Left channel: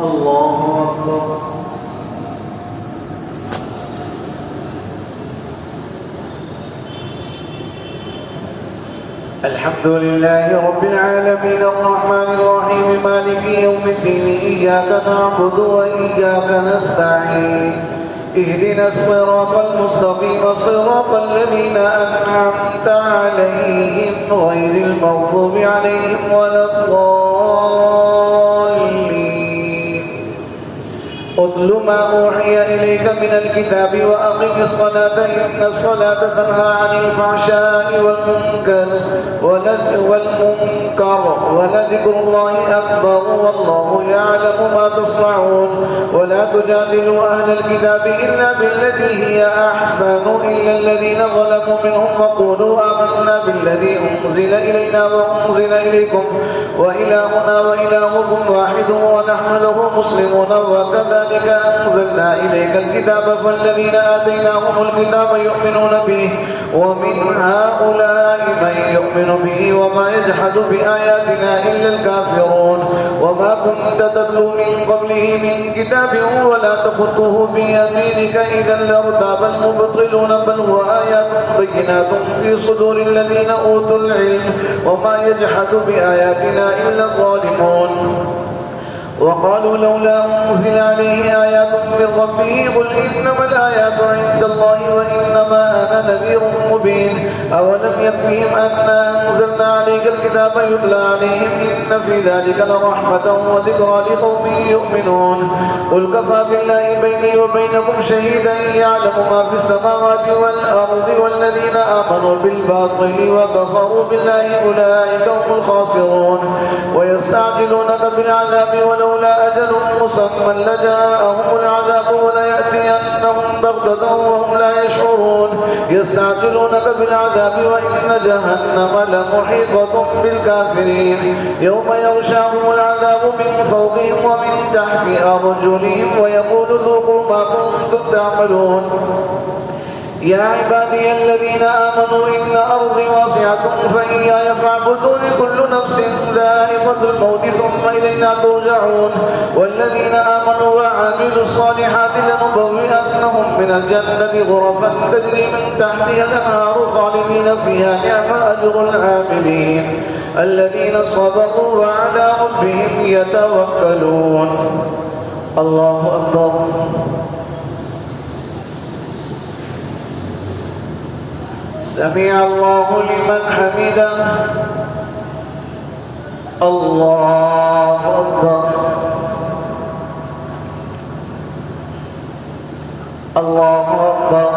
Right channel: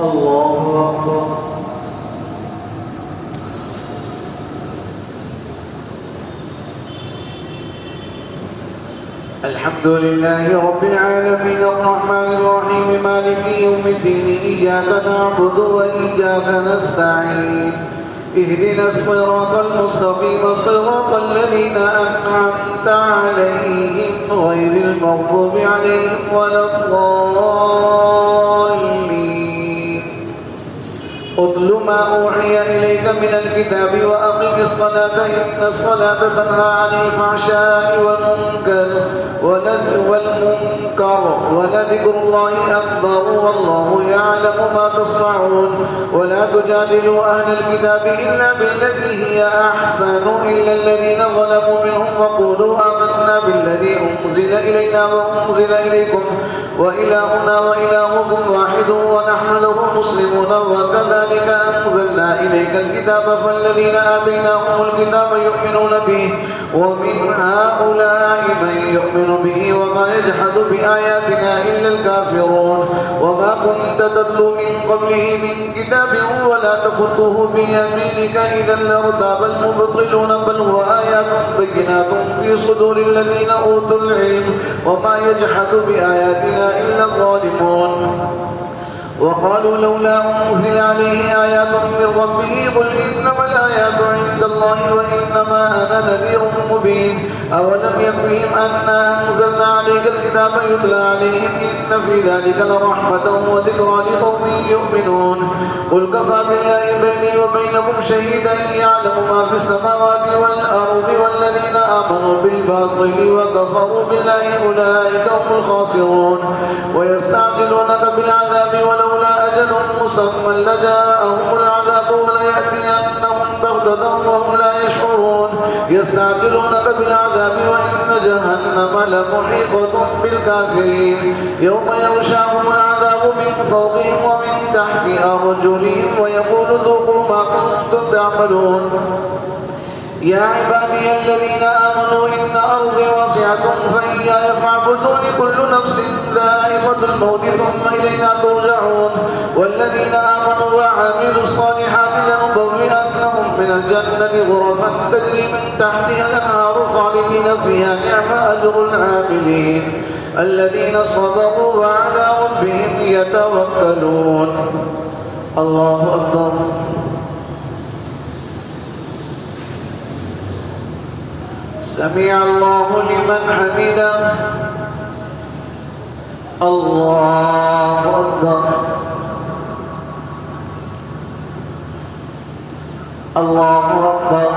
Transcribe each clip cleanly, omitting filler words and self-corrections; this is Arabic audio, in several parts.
الله أكبر. الحمد لله رب العالمين الرحمن الرحيم مالك يوم الدين إياك نعبد وإياك نستعين اهدنا الصراط المستقيم صراط الذين أنعمت عليهم غير المغضوب عليهم ولا الضالين. اتل ما أوحي إليك من الكتاب وأقم الصلاة إن الصلاة تنهى عن الفحشاء والمنكر ولذكر الله أكبر والله يعلم ما تصنعون. ولا تجادلوا أهل الكتاب إلا بالتي هي أحسن إلا الذين ظلموا منهم وقولوا آمنا بالذي أنزل إلينا وأنزل إليكم وإلهنا وإلهكم واحد ونحن له مسلمون. وكذلك أنزلنا إليك الكتاب فالذين آتيناهم الكتاب يؤمنون به ومن هؤلاء من يؤمن به وما يجحد بآياتنا إلا الكافرون. وما كنت تتلو من قبله من كتاب ولا تخطه بيمينك إذا لارتاب المبطلون بل هو آيات بينات في صدور الذين أوتوا العلم وما يجحد بآياتنا إلا الظالمون. وقالوا لولا أنزل عليه آيات من ربه قل إنما الآيات عند الله وإنما أنا نذير مبين. أولم يكفهم أنا أنزلنا عليك الكتاب يتلى عليهم إن في ذلك لرحمة وذكرى لقوم يؤمنون. قل كفى بالله بيني وبينكم شهيدا يعلم ما في السماوات والأرض والذين آمنوا بالباطل وكفروا بالله أولئك هم الخاسرون. ويستعجلونك بالعذاب ولولا أجل مسمى لجاءهم العذاب وليأتينهم بغتة وهم لا يشعرون. يستعجلونك بالعذاب وإن جهنم لمحيطة بالكافرين. يوم يغشاهم العذاب من فوقهم ومن تحت أرجلهم ويقول ذوقوا ما كنتم تعملون. يا عبادي الذين آمنوا إن أرضي واسعة فإياي فاعبدون كل نفس ذائقة الموت ثم إلينا ترجعون. والذين آمنوا وعملوا الصالحات لنبوئنهم من الجنة غرفا تجري من تحتها الأنهار خالدين فيها نعم أجر العاملين الذين صبروا وعلى ربهم يتوكلون. الله أكبر. سمع الله لمن حمده. الله أكبر. الله أكبر.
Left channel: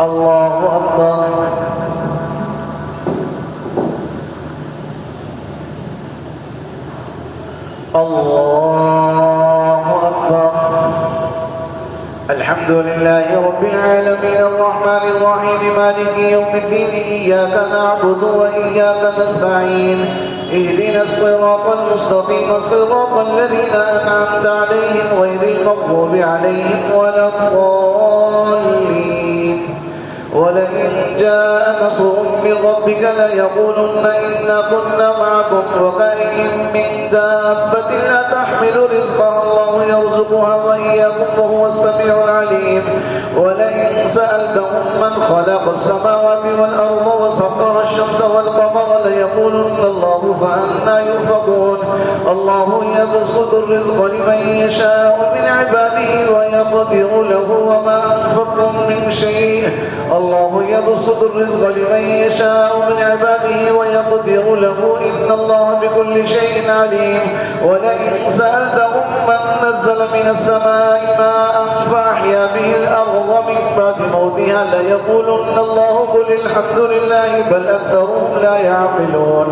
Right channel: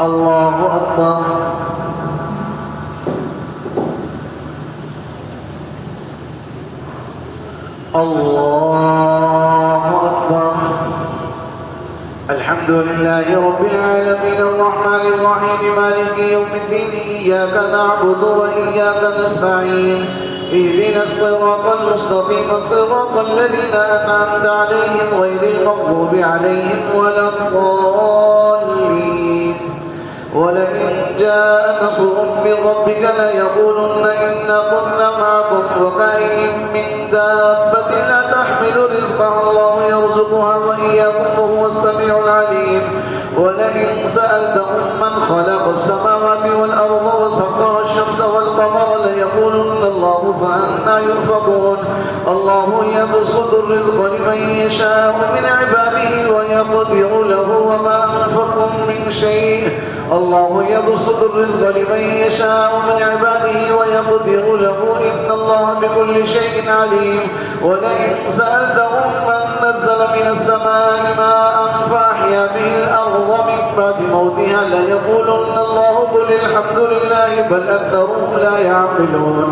الله أكبر. الله أكبر. الحمد لله رب العالمين الرحمن الرحيم مالك يوم الدين إياك نعبد وإياك نستعين اهدنا الصراط المستقيم صراط الذين أنعمت عليهم غير المغضوب عليهم ولا الضالين. ولئن جاء نصر من ربك ليقولن إنا كنا معكم وكأين من دابة لا تحمل رزقها الله يرزقها وإياكم وهو السميع العليم. ولئن سألتهم من خلق السماوات والأرض وسخر الشمس والقمر ليقولن الله فأنى يؤفكون. الله يبسط الرزق لمن يشاء من عباده ويقدر له وما أنفقتم من شيء. الله يبسط الرزق لمن يشاء من عباده ويقدر له إن الله بكل شيء عليم. ولئن سألتهم من نزل من السماء ماء فأحيا به الأرض من بعد موتها ليقولن الله قل الحمد لله بل أكثرهم لا يعقلون.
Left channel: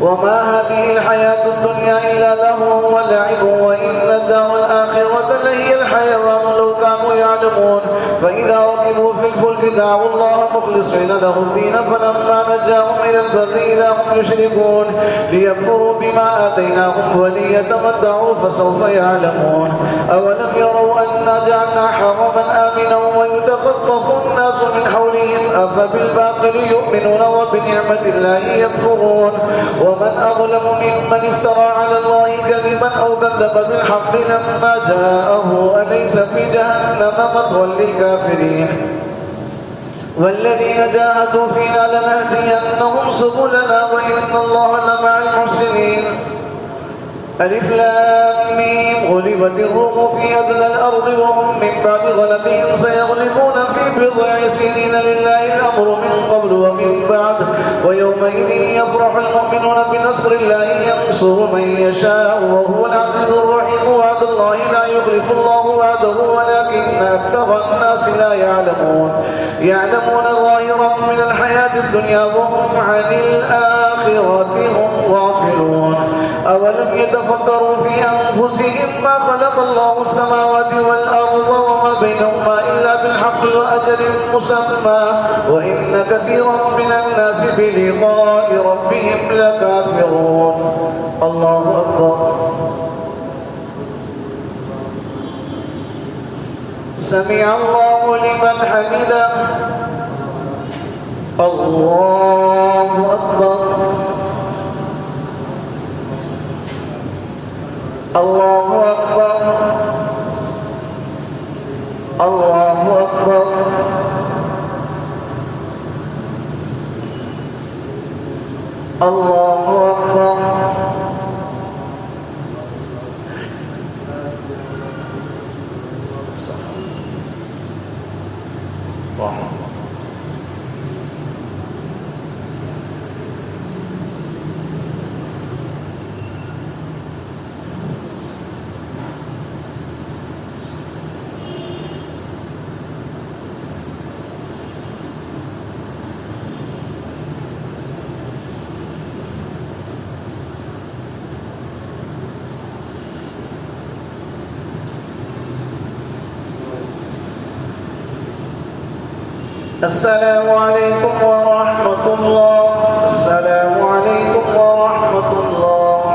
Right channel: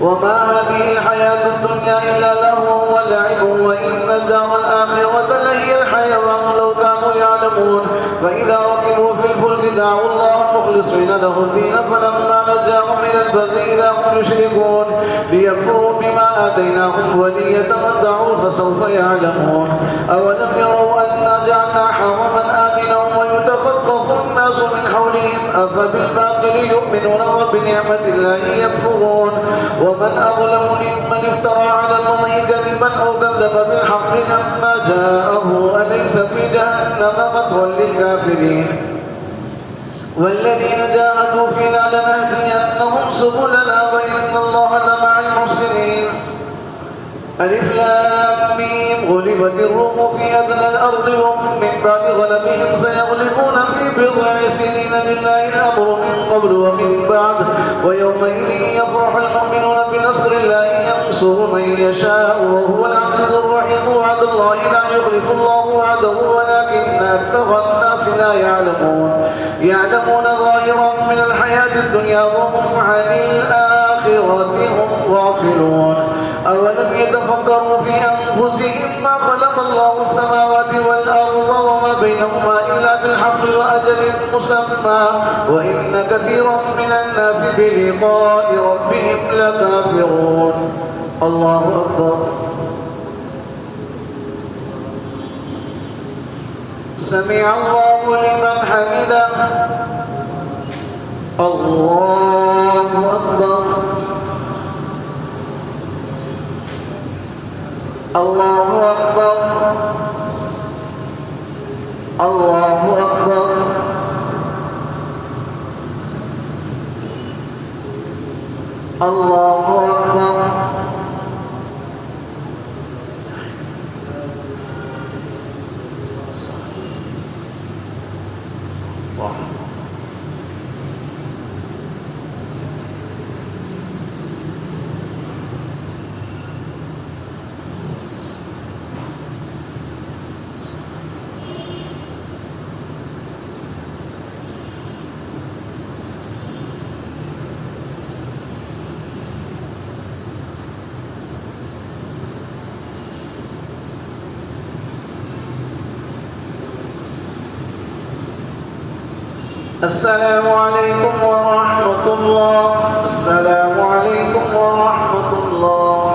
وما هذه الحياة الدنيا إلا لهو ولعب وإن الدار الآخرة لهي الحيوان لو كانوا يعلمون. فإذا ركبوا في الفلك دعوا الله مخلصين له الدين فلما نجاهم إلى البر إذا هم يشركون ليكفروا بما آتيناهم وليتمتعوا فسوف يعلمون. أولم يروا أنا جعلنا حرما آمنا ويتخطف الناس من حولهم أفبالباطل يؤمنون وبنعمة الله يكفرون ومن أظلم ممن افترى على الله كذبا أو كذب بالحق لما جاءه أليس في جهنم مثوى للكافرين والذين جاهدوا فينا لنهدينهم سبلنا وإن الله لمع المحسنين ألف لام ميم غلبت الروم في أدنى الأرض وهم من بعد غلبهم سيغلبون في بضع سنين لله الأمر من قبل ومن بعد ويومئذ يفرح المؤمنون بنصر الله ينصر من يشاء وهو العزيز الرحيم وعد الله لا يخلف الله وعده ولكن أكثر الناس لا يعلمون ظاهرا من الحياة الدنيا وهم عن الآخرة هم غافلون أولم يتفكروا في أنفسهم ما خلق الله السماوات والأرض وما بينهما إلا بالحق وأجل مسمى وإن كثيرا من الناس بلقاء ربهم لكافرون الله أكبر سمع الله لمن حمده الله أكبر الله أكبر الله أكبر الله أكبر السلام عليكم ورحمة الله السلام عليكم ورحمة الله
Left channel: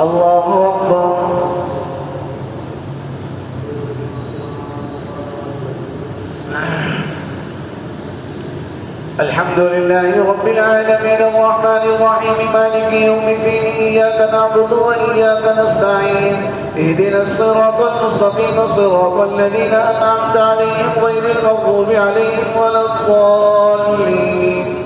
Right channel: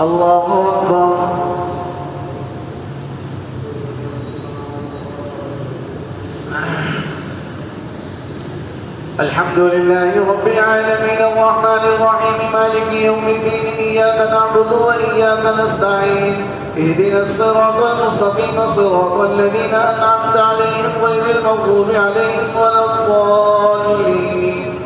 الله أكبر الحمد لله رب العالمين الرحمن الرحيم مالك يوم الدين إياك نعبد وإياك نستعين اهدنا الصراط المستقيم صراط الذين أنعمت عليهم غير المغضوب عليهم ولا الضالين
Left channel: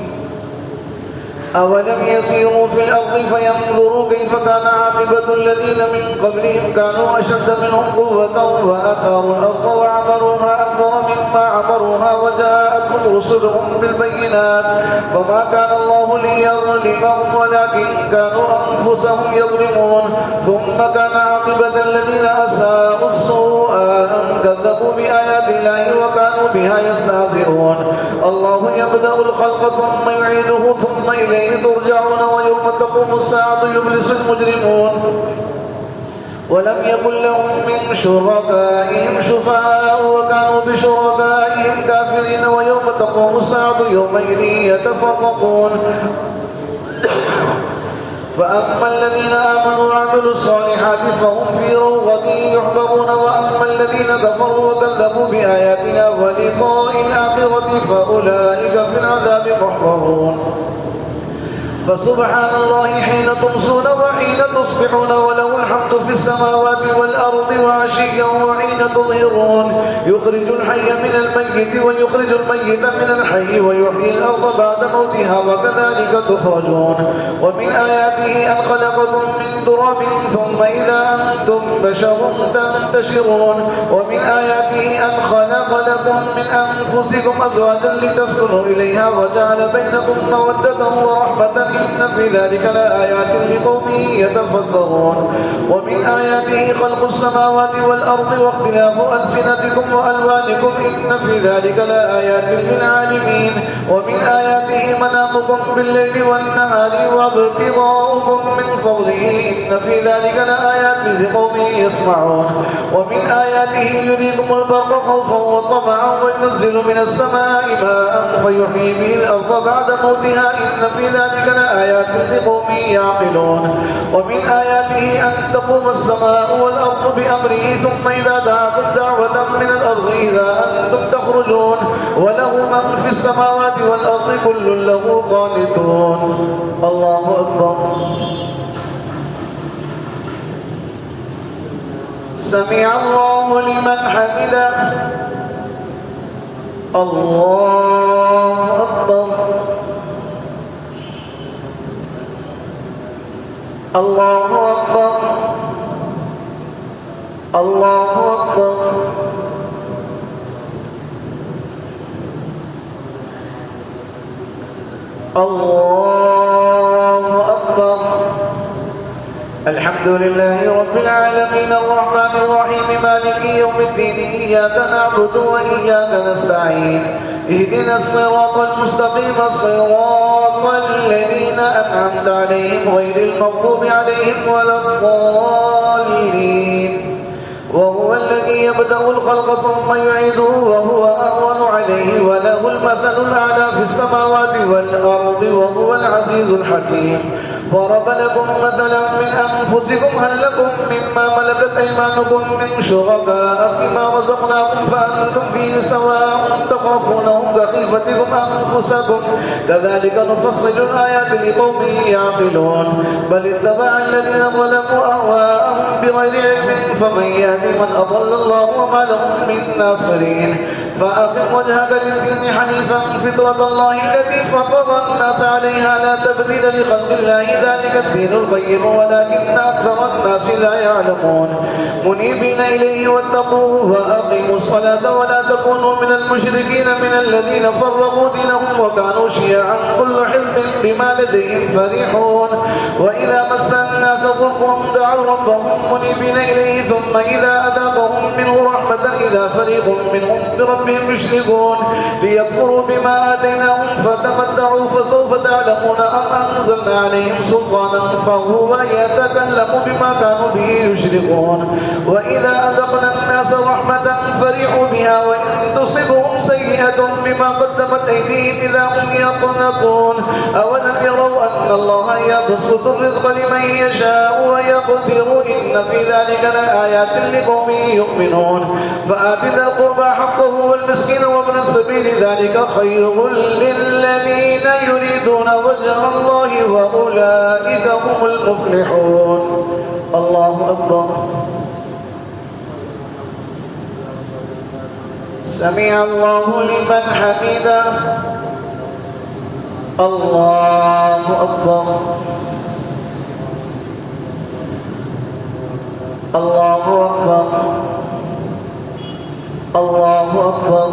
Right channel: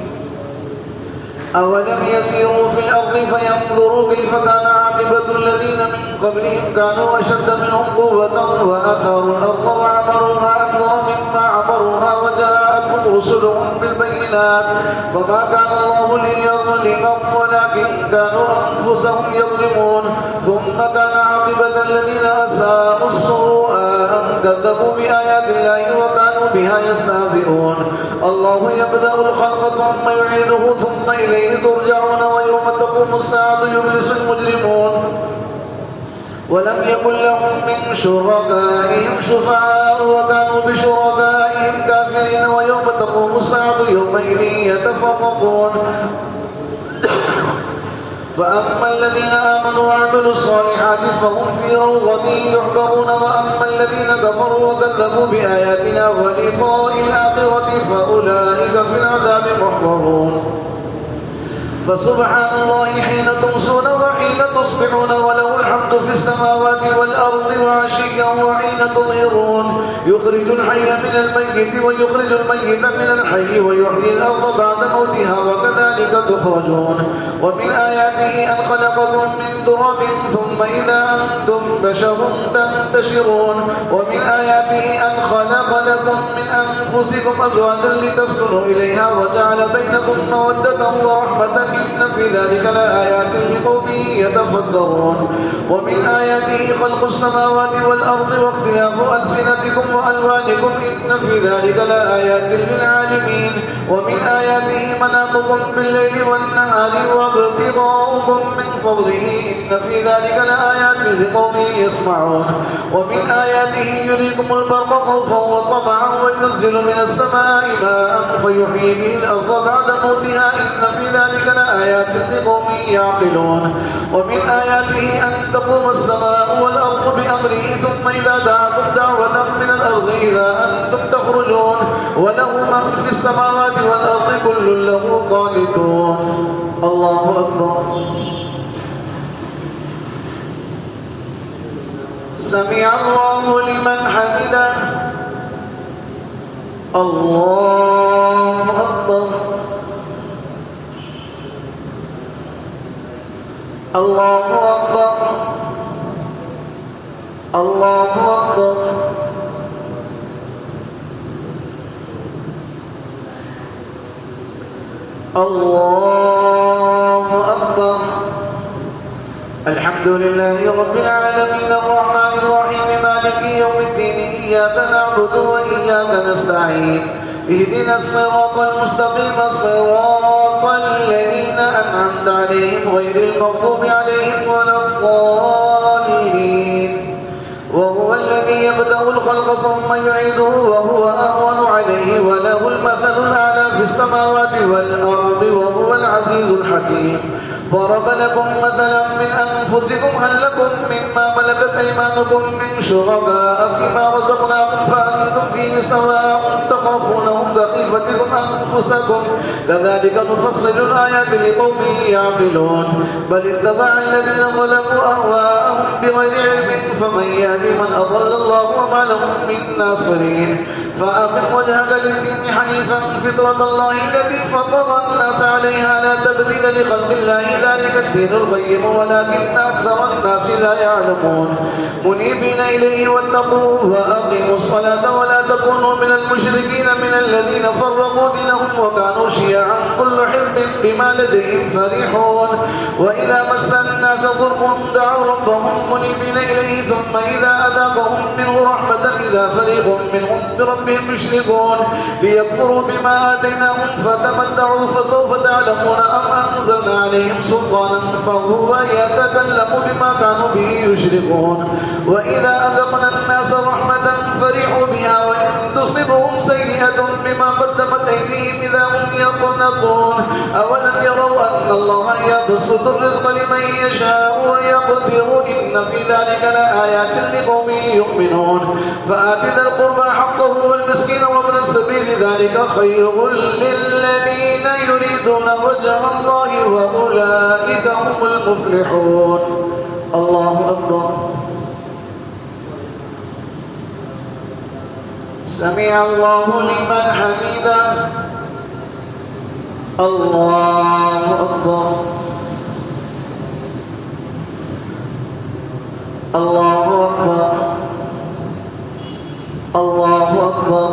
أولم يسيروا في الأرض فينظروا كيف كان عاقبة الذين من قبلهم كانوا أشد منهم قوة وآثروا الأرض وعمروها أكثر مما عمروها وجاءتهم رسلهم بالبينات فما كان الله ليظلمهم ولكن كانوا أنفسهم يظلمون ثم كان عاقبة الذين أساءوا السوء أن كذبوا بآيات الله وكانوا بها يستهزئون الله يبدأ الخلق ثم يعيده ثم إليه ترجعون ويوم تقوم الساعة يبلس المجرمون ولم يكن لهم من شركائهم شفعاء وكانوا بشركائهم كافرين ويوم تقوم الساعة يومئذ يتفرقون فأما الذين آمنوا وعملوا الصالحات فهم في روضة يحبرون وأما الذين كفروا وكذبوا بآياتنا ولقاء الآخرة فأولئك في العذاب محضرون فسبحان الله حين تمسون وحين تصبحون وله الحمد في السماوات والأرض وعشيا وحين تظهرون يخرج الحي من الميت ويخرج الميت من الحي ويحيي الأرض بعد موتها وكذلك تخرجون ومن آياته أن خلقكم من تراب ثم إذا أنتم بشر تنتشرون ومن آياته أن خلق لكم من أنفسكم أزواجا لتسكنوا إليها وجعل بينكم مودة ورحمة إن في ذلك لآيات لقوم يتفكرون ومن آياته خلق السماوات والأرض واختلاف ألسنتكم وألوانكم إن في ذلك لآيات للعالمين ومن آياته منامكم بالليل والنهار وابتغاؤكم من فضله إن في ذلك لآيات لقوم يسمعون ومن آياته يريكم البرق خوفا وطمعا وينزل من السماء ماء فيحيي به الأرض بعد موتها إن في ذلك لآيات لقوم يعقلون ومن آياته أن تقوم السماء والأرض بأمره ثم إذا دعاكم دعوة من الأرض إذا أنتم تخرجون وله من في السماوات والأرض كل له قانتون. الله أكبر. سمع الله لمن حمده. الله أكبر. الله أكبر. الله أكبر. الله أكبر. الحمد لله رب العالمين الرحمن الرحيم مالك يوم الدين إياك نعبد وإياك نستعين اهدنا الصراط المستقيم صراط الذين أنعمت عليهم غير المغضوب عليهم ولا الضالين. وهو الذي يبدأ الخلق ثم يعيده وهو أهون عليه وله المثل الأعلى في السماوات والأرض وهو العزيز الحكيم. ضرب لكم مثلا من أنفسكم هل لكم مما ملكت أيمانكم من شركاء فيما رزقناكم فأنتم فيه سواء تخافونهم كخيفتكم أنفسكم كذلك نفصل الآيات لقوم يعقلون. بل اتبع الذين ظلموا أهواءهم بغير علم فمن يهدي من أضل الله وما لهم من ناصرين. فأقم وجهك للدين حنيفا فطرة الله التي فطر الناس عليها لا تبديل لخلق الله ذلك الدين القيم ولكن أكثر الناس لا يعلمون. منيبين إليه واتقوه وأقيموا الصلاة ولا تكونوا من المشركين من الذين فرقوا دينهم وكانوا شيعا كل حزب بما لديهم فرحون. وإذا مس الناس ضر دعوا ربهم منيبين إليه ثم إذا أذاقهم منه رحمة إذا فريق منهم بربهم يشركون ليكفروا بما آتيناهم فتمتعوا فسوف تعلمون أم أنزلنا عليهم سلطانا فهو يتكلم بما كانوا به يشركون. وإذا أذقنا الناس رحمة فرحوا بها وإن تصبهم سيئة بما قدمت أيديهم إذا هم يقنطون. أولم يروا أن الله يبسط الرزق لمن يشاء ويقدر إن في ذلك لآيات لقوم يؤمنون. فآت ذا القربى حقه والمسكين وابن السبيل ذلك خير للذين يريدون وجه الله وأولئك هم المفلحون. الله أكبر. سمع الله لمن حمده. الله أكبر. الله أكبر. الله أكبر.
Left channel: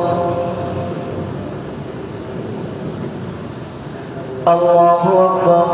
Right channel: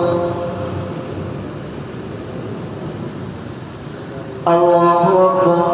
الله أكبر.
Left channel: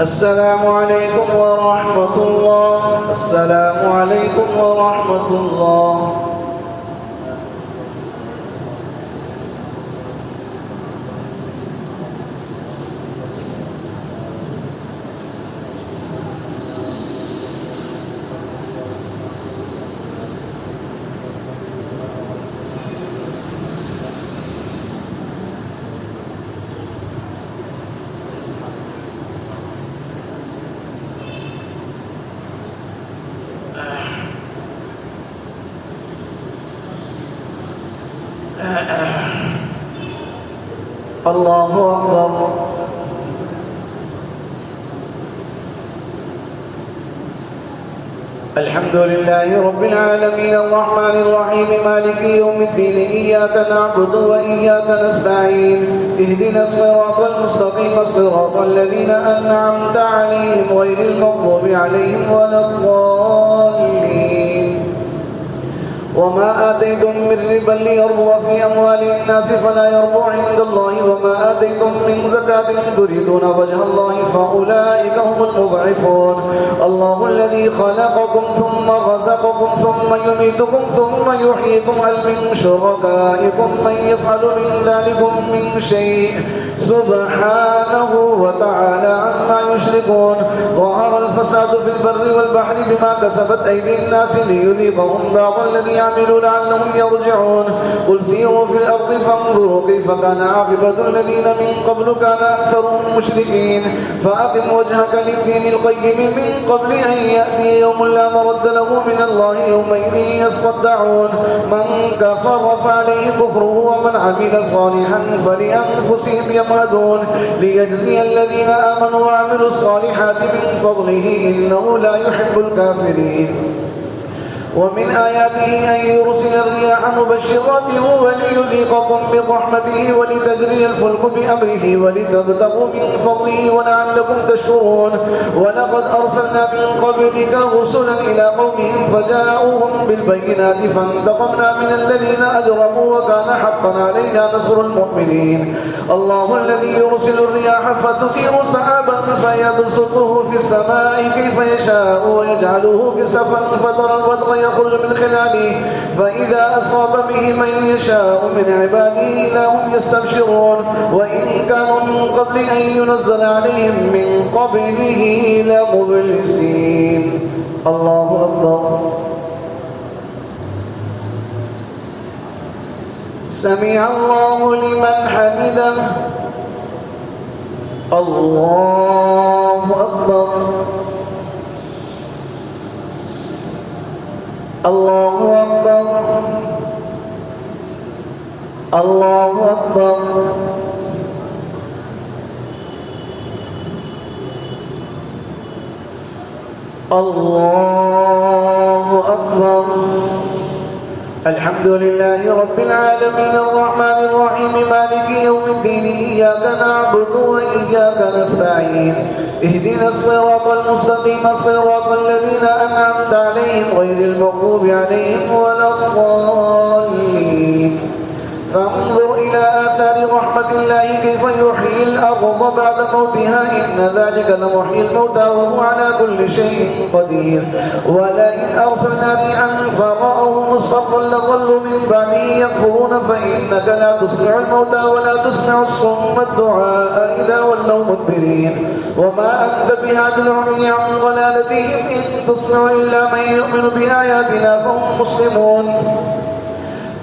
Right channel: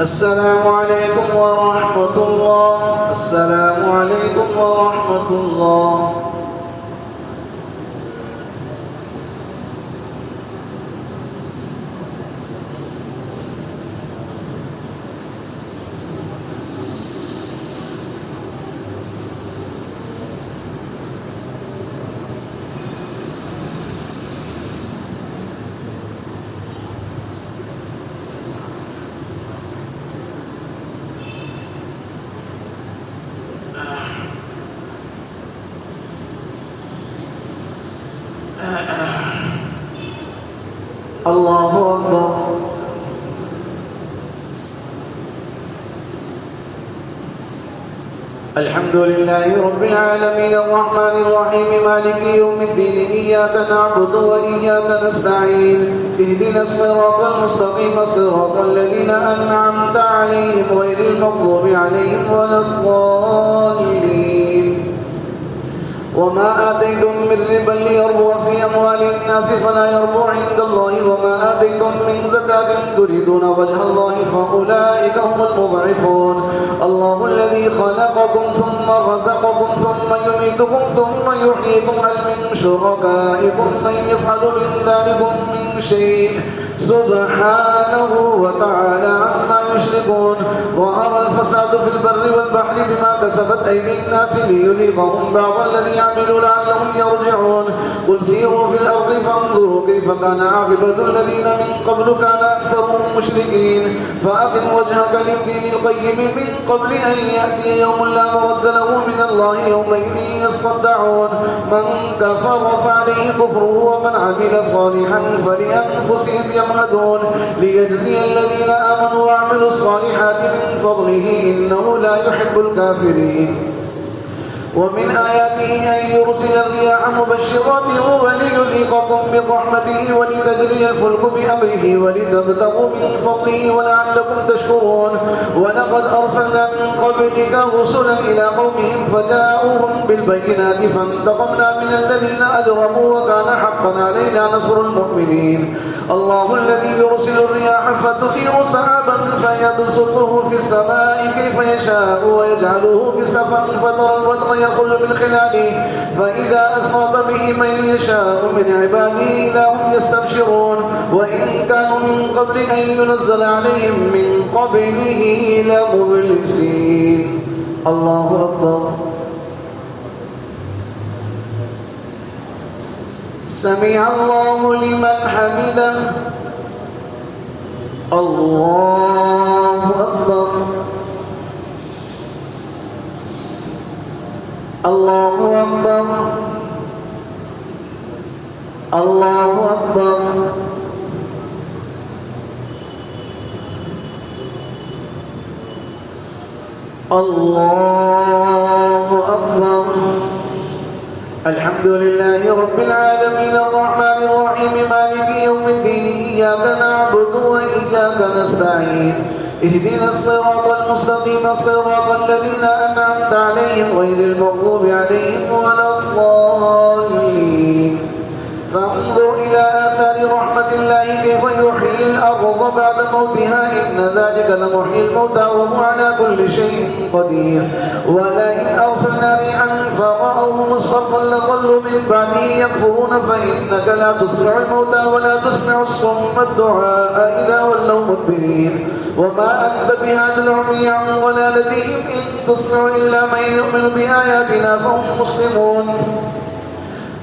السلام عليكم ورحمة الله. السلام عليكم ورحمة الله. الله أكبر. الحمد لله رب العالمين الرحمن الرحيم مالك يوم الدين إياك نعبد وإياك نستعين اهدنا الصراط المستقيم صراط الذين أنعمت عليهم عليهم غير المغضوب عليهم ولا الضالين. وما آتيتم من ربا ليربو في أموال الناس فلا يربو عند الله وما آتيتم من زكاة تريدون وجه الله فأولئك هم المضعفون. الله الذي خلقكم ثم رزقكم ثم يميتكم ثم يحييكم هل من شركائكم من يفعل من ذلكم من شيء سبحانه وتعالى عما يشركون. ظهر الفساد في البر والبحر بما كسبت أيدي الناس ليذيقهم بعض الذي يعملوا لعلهم يرجعون. قل سيروا في الأرض فانظروا كيف كان عاقبة الذين من قبل كان أكثرهم مشركين. فأقم وجهك للدين القيم من قبل أن يأتي يوم لا مرد له من الله يومئذ يصدعون. من كفر فعليه كفره ومن عمل صالحا فلأنفسهم يمهدون ليجزي الذين آمنوا وعملوا الصالحات من فضله إنه لا يحب الكافرين. ومن آياته أن يرسل الرياح مبشرات وليذيقكم من رحمته ولتجري الفلك بأمره ولتبتغوا من فضله ولعلكم تشكرون. ولقد أرسلنا من قبلك رسلا إلى قومهم فجاءوهم بالبينات فانتقمنا من الذين أجرموا وكان حقا علينا نصر المؤمنين. الله الذي يرسل الرياح فتثير سحابا فيبسطه في السماء كيف يشاء ويجعله كسفا فترى الودق يخرج من خلاله فإذا أصاب به من يشاء من عباده إذا هم يستبشرون. وإن كانوا من قبل أن ينزل عليهم من قبله لمبلسين. الله أكبر. سمع الله لمن حمده. الله أكبر. الله أكبر. الله أكبر. الله أكبر. الحمد لله رب العالمين الرحمن الرحيم مالك يوم الدين إياك نعبد وإياك نستعين اهدنا الصراط المستقيم صراط الذين أنعمت عليهم غير المغضوب عليهم ولا الضالين. فانظر إلى آثار رحمة الله كيف يحيي الأرض بعد موتها إن ذلك لمحيي الموتى وهو على كل شيء قدير. ولئن أرسلنا ريحا فرأوه مصفرا لظلوا من بعده يكفرون فإنك لا تسمع الموتى ولا تسمع الصم الدعاء إذا ولوا مدبرين. وما أنت بهذا العمي عن ضلالتهم إن تسمع إلا من يؤمن بآياتنا فهم مسلمون.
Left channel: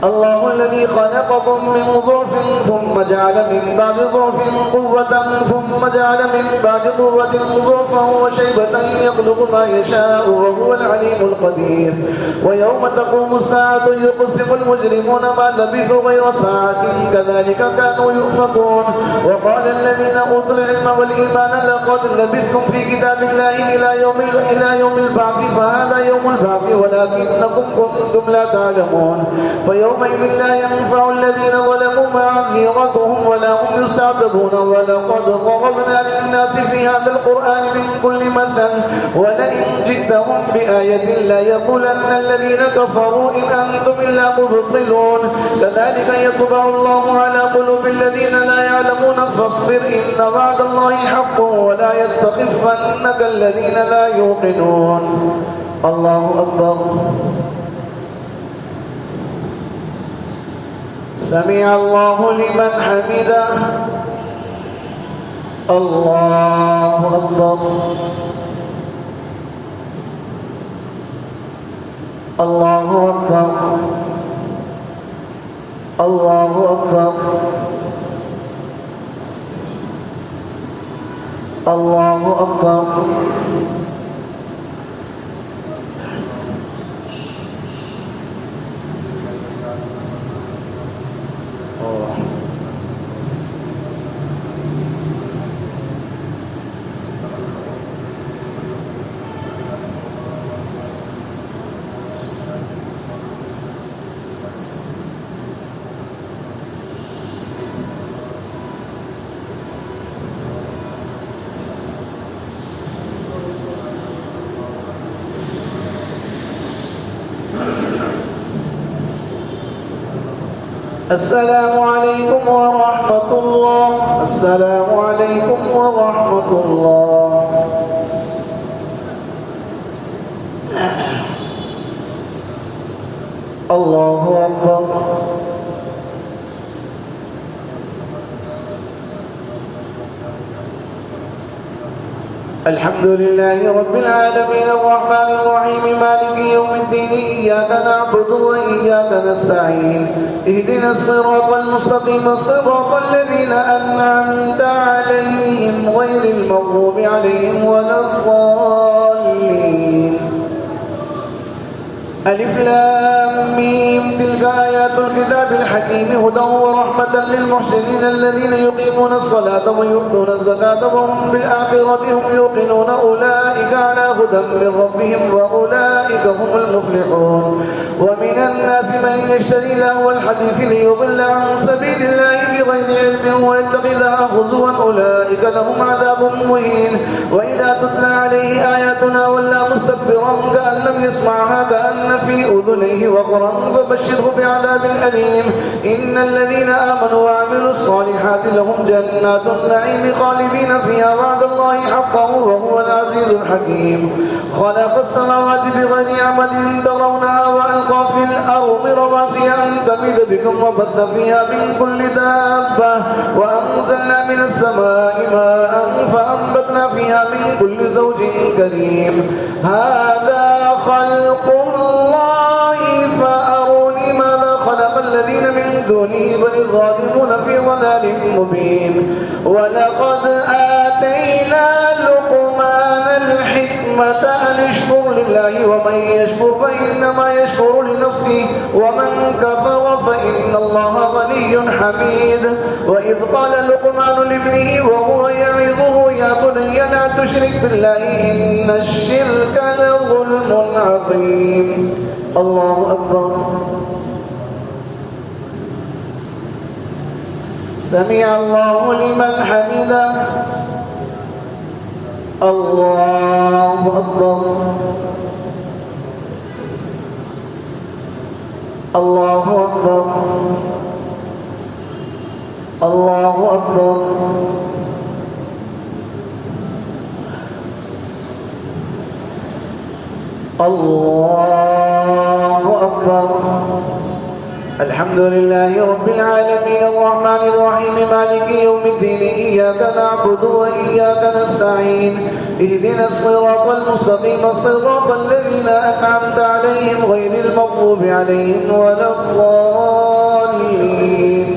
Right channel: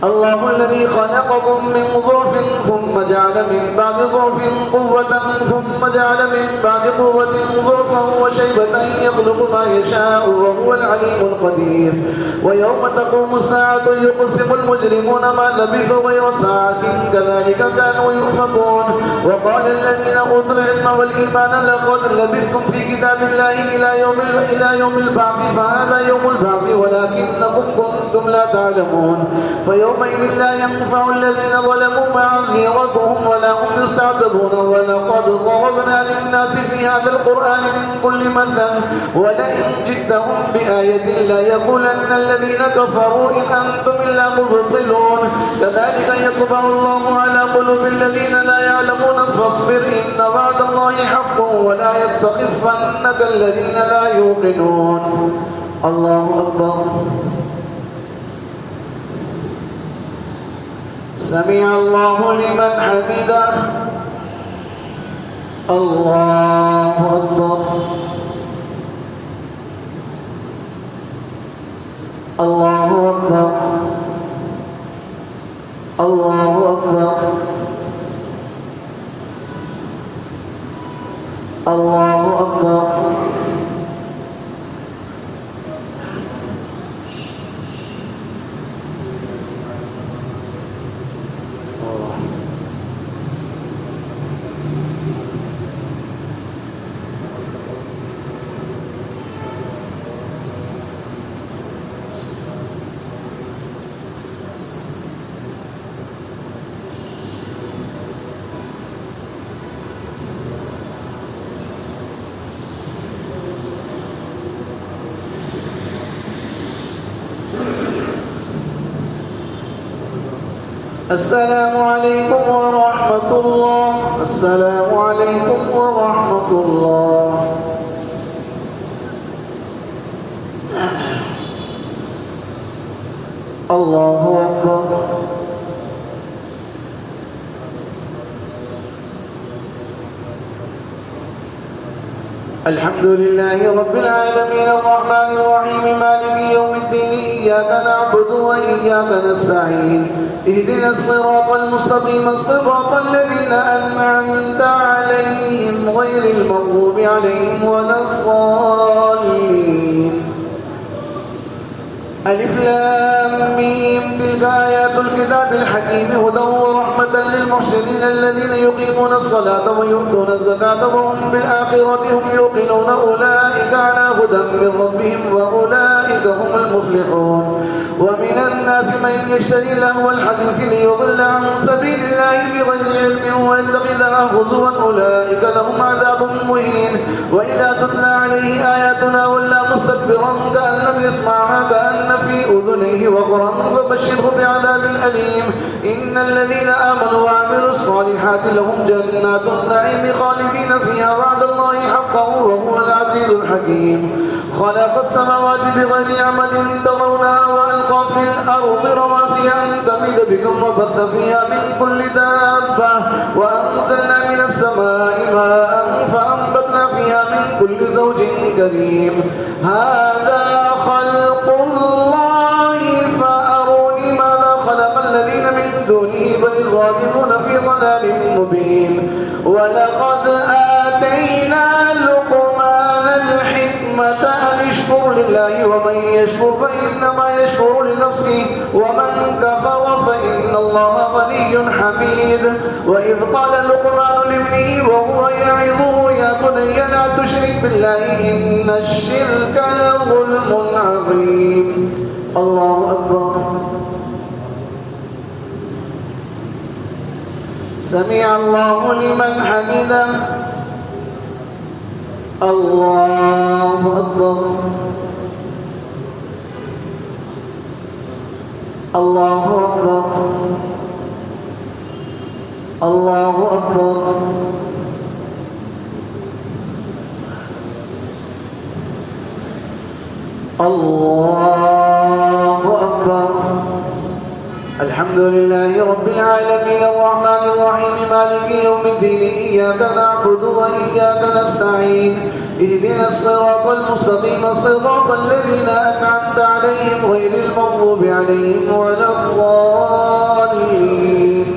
الله الذي خلقكم من ضعف ثم جعل من بعد ضعف قوة ثم جعل من بعد قوة ضعفا وشيبة يخلق ما يشاء وهو العليم القدير. ويوم تقوم الساعة يقسم المجرمون ما لبثوا غير ساعة كذلك كانوا يؤفكون. وقال الذين أوتوا العلم والإيمان لقد لبثتم في كتاب الله إلى يوم البعث فهذا يوم البعث ولكنكم كنتم لا تعلمون. يومئذ لا ينفع الذين ظلموا معذرتهم ولا هم يستعتبون. ولقد ضربنا للناس في هذا القرآن من كل مثل ولئن جئتهم بآية لا يقولن الذين كفروا إن أنتم إلا مبطلون. كذلك يطبع الله على قلوب الذين لا يعلمون فاصبر إن وعد الله حق ولا يستخفنك الذين لا يوقنون. الله أكبر. سمع الله لمن حمده. الله أكبر. الله أكبر. الله أكبر. الله أكبر. السلام عليكم ورحمة الله. السلام عليكم ورحمة الله. الله أكبر. الحمد لله رب العالمين الرحمن الرحيم مالك يوم الدين إياك نعبد وإياك نستعين اهدنا الصراط المستقيم صراط الذين أنعمت عليهم غير المغضوب عليهم ولا الضالين. ألف لام ميم تلك آيات الكتاب الحكيم هدى ورحمة للمحسنين الذين يقيمون الصلاة ويؤتون الزكاة وهم بالآخرة هم يوقنون أولئك على هدى من ربهم وأولئك هم المفلحون. ومن الناس من يشتري لهو الحديث ليضل عن سبيل الله بغير علم ويتخذها هزوا أولئك لهم عذاب مهين. وإذا تتلى عليه آياتنا ولى مستكبرا كأن لم يسمعها كأن في أذنيه وقرا فبشره بعذاب أليم. إن الذين آمنوا وعملوا الصالحات لهم جنات النعيم خالدين فيها وعد الله حقا وهو العزيز الحكيم. خلق السماوات بغير عمد ترونها وألقى في الأرض رواسي أن تميد بكم وبث فيها من كل دابة وأنزلنا من السماء ماء فأنبتنا فيها من كل زوج كريم. هذا خلق الله فأروني ماذا خلق الذين من دونه بل الظالمون في ضلال مبين. ولقد آتينا لقمان الحكمة أن اشكر لله ومن يشكر فإنما يشكر لنفسه ومن كفر فإن الله غني حميد. وإذ قال لقمان لابنه وهو يعظه يا بني لا تشرك بالله إن الشرك لظلم عظيم. الله أكبر. سمع الله لمن حمده. الله أكبر. الله أكبر. الله أكبر. الله أكبر. الحمد لله رب العالمين الرحمن الرحيم مالك يوم الدين إياك نعبد وإياك نستعين اهدنا الصراط المستقيم صراط الذين أنعمت عليهم غير المغضوب عليهم ولا الضالين.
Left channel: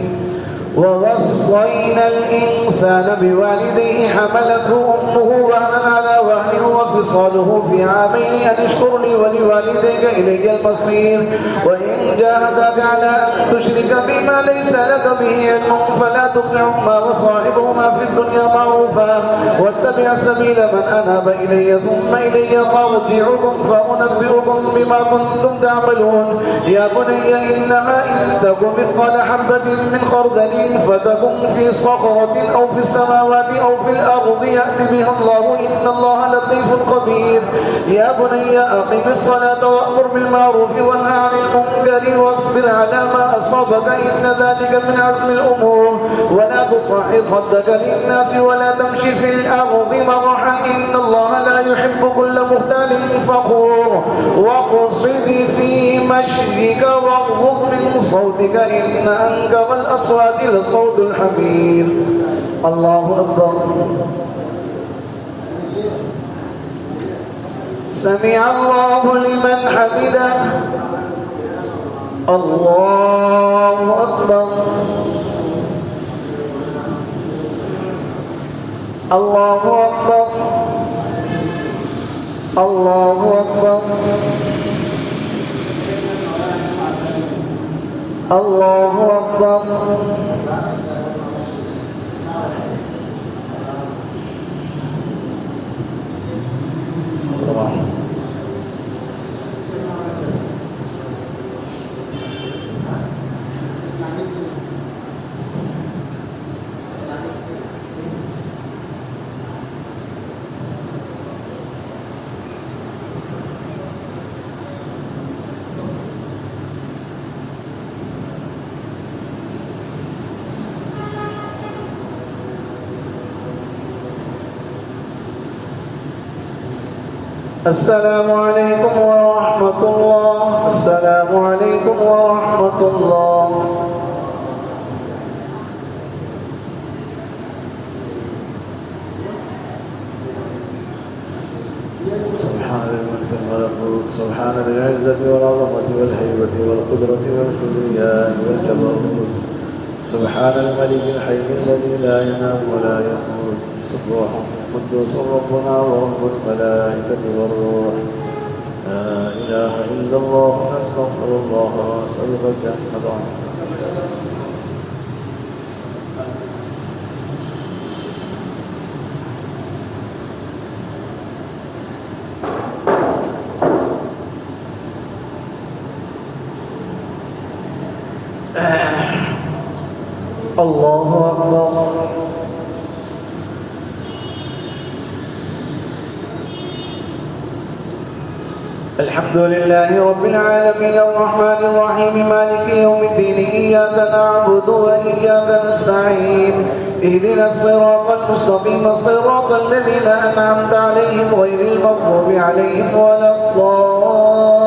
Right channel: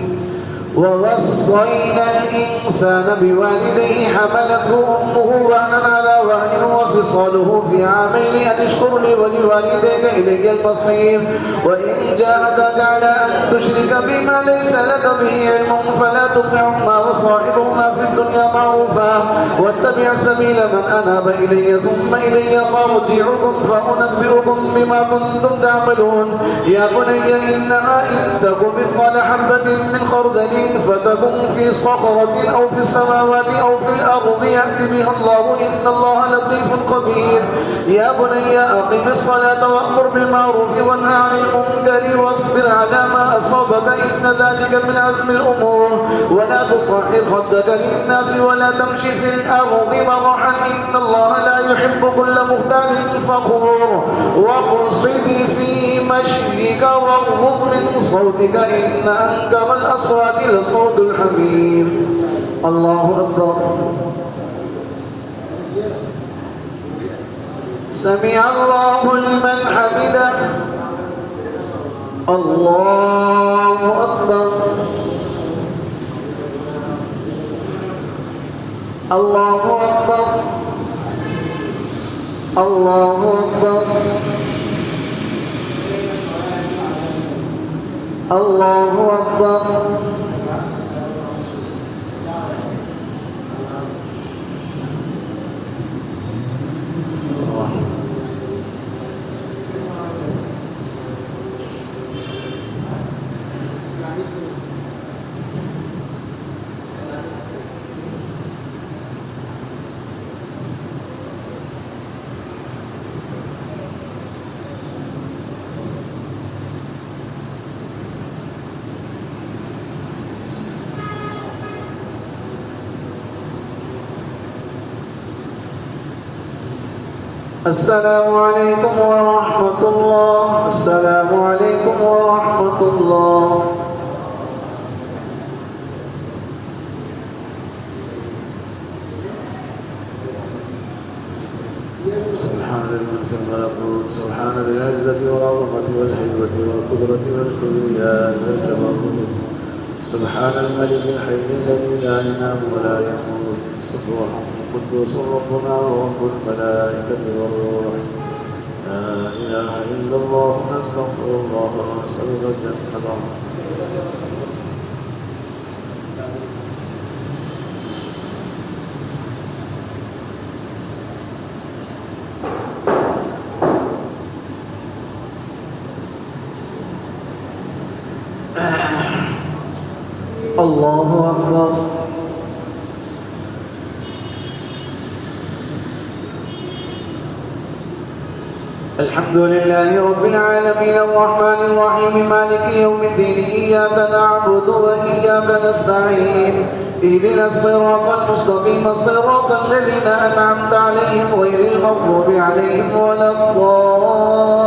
ووصينا الإنسان بوالديه حملته أمه وهنا على وهن وفصاله في عامين أن اشكر لي ولوالديك إلي المصير. وإن جاهداك على أن تشرك بما ليس لك به علم فلا تطعهما وصاحبهما في الدنيا معروفا واتبع سبيل من أناب إلي ثم إلي مرجعكم فأنبئكم بما كنتم تعملون. يا بني إنها إن تك مثقال حبة من خردل فتكن في صخرة أو في السماوات أو في الأرض يأتي بها الله إن الله لطيف خبير. يا بني أقم الصلاة وأمر بالمعروف وانهى عن المنكر واصبر على ما أصابك إن ذلك من عزم الأمور. ولا تصعد خدك للناس ولا تمشي في الأرض مرحا إن الله لا يحب كل مختال فخور. واقصد في مشيك واغضض من صوتك إن أنكر الأصوات لصوت الحمير. الله أكبر. سمع الله لمن حمده. الله أكبر. الله أكبر. الله أكبر. الله أكبر. السلام عليكم ورحمة الله. السلام عليكم ورحمة الله. سبحان الملك الملكوت، سبحان ذي العزة والعظمة والهيبة والقدرة والكبرياء والجبروت، سبحان الملك الحي الذي لا ينام ولا يموت، سبوح قدوس ربنا ورب الملائكة والروح. لا إله إلا الله، نستغفر الله ونسأل الجنة. الله أكبر. الحمد لله رب العالمين الرحمن الرحيم مالك يوم الدين، إياك نعبد وإياك نستعين، اهدنا الصراط المستقيم صراط الذين أنعمت عليهم غير المغضوب عليهم ولا الضالين.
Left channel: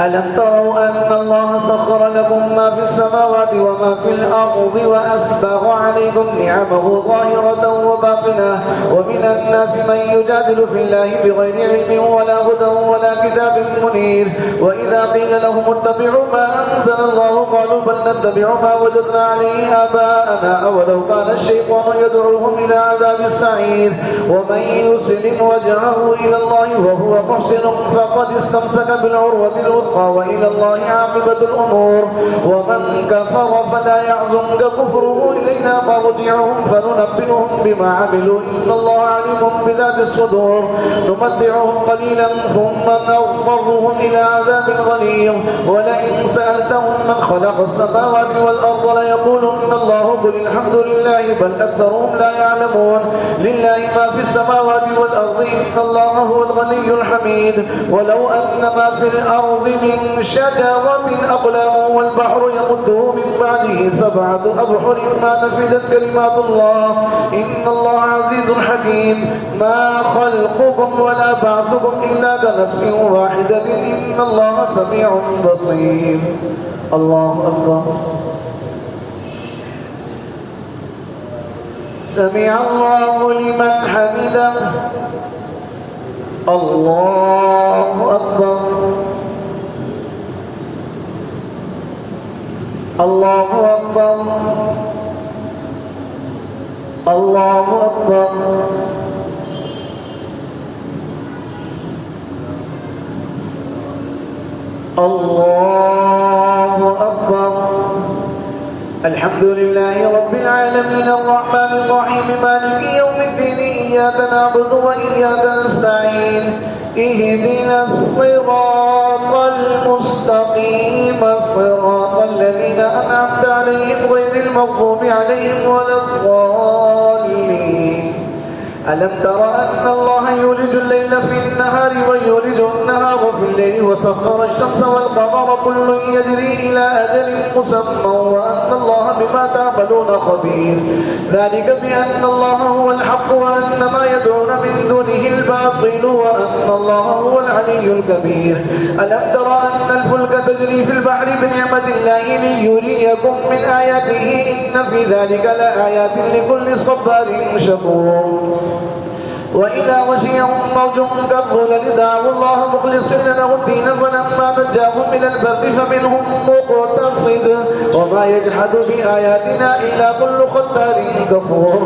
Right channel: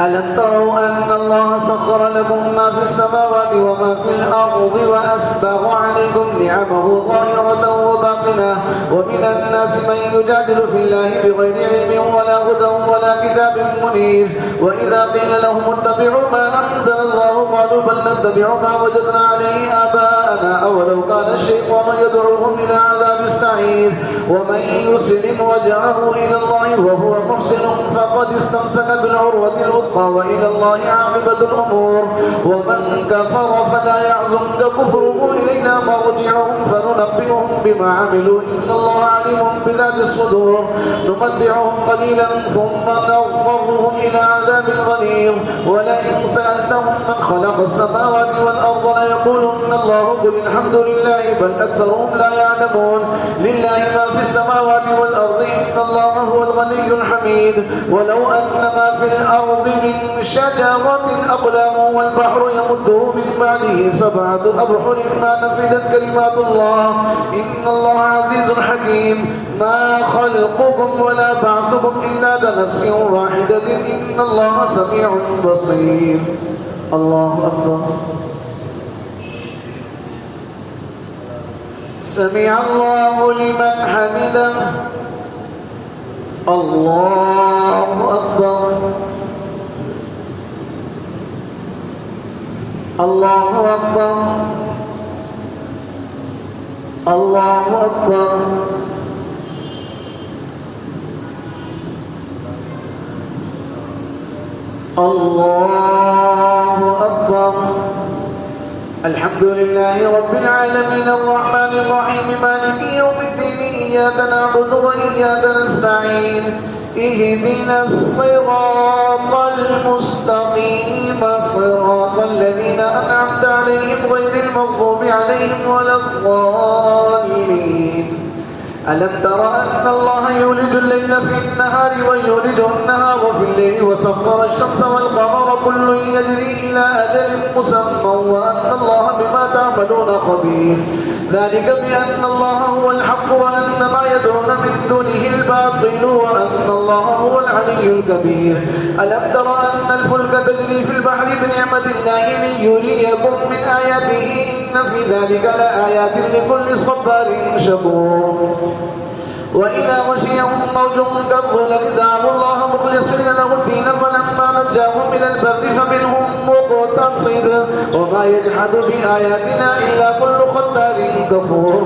ألم تروا أن الله سخر لكم ما في السماوات وما في الأرض وأسبغ عليكم نعمه ظاهرة وباطنة، ومن الناس من يجادل في الله بغير علم ولا هدى ولا كتاب منير، وإذا قيل لهم اتبعوا ما أنزل الله قالوا بل نتبع ما وجدنا عليه آباءنا أولو كان الشيطان يدعوهم إلى عذاب السعير، ومن يسلم وجهه إلى الله وهو محسن فقد استمسك بالعروة الوثقى وإلى الله عاقبة الأمور، ومن كفر فلا يحزنك كفره إلينا مرجعهم فننبئهم بما عملوا إن الله عليم بذات الصدور، نمتعهم قليلا ثم نضطرهم إلى عذاب غليظ، ولئن سألتهم من خلق السماوات والأرض ليقولن الله قل الحمد لله بل أكثرهم لا يعلمون. لله ما في السماوات والأرض إن الله هو الغني الحميد، ولو أن ما في الأرض من شجرة أقلام والبحر يمده من بعده 7 أبحر ما نفدت كلمات الله إن الله عزيز حكيم. ما خلقكم ولا بعثكم إلا كنفس واحدة إن الله سميع بصير. الله أكبر. سمع الله لمن حمده. الله أكبر. الله أكبر. الله أكبر. الله أكبر. الحمد لله رب العالمين الرحمن الرحيم مالك يوم الدين، إياك نعبد وإياك نستعين، اهدنا الصراط المستقيم صراط الذين أنعمت عليهم غير المغضوب عليهم ولا الضالين. ألم تر أن الله يولج الليل في النهار ويولج النهار في الليل وسخر الشمس والقمر كل يجري إلى أجل مسمى وأن الله بما تعملون خبير. ذلك بأن الله هو الحق وأن ما يدعون من دونه الباطل وأن الله هو العلي الكبير. ألم تر أن الفلك تجري في البحر بنعمة الله ليريكم من آياته إن في ذلك لآيات لكل صبار شكور. وإذا غشيهم موج كالظلل دعوا الله مخلصين له الدين فلما نجاهم من البر فمنهم مقتصد وما يجحد بآياتنا إلا كل ختار كفور.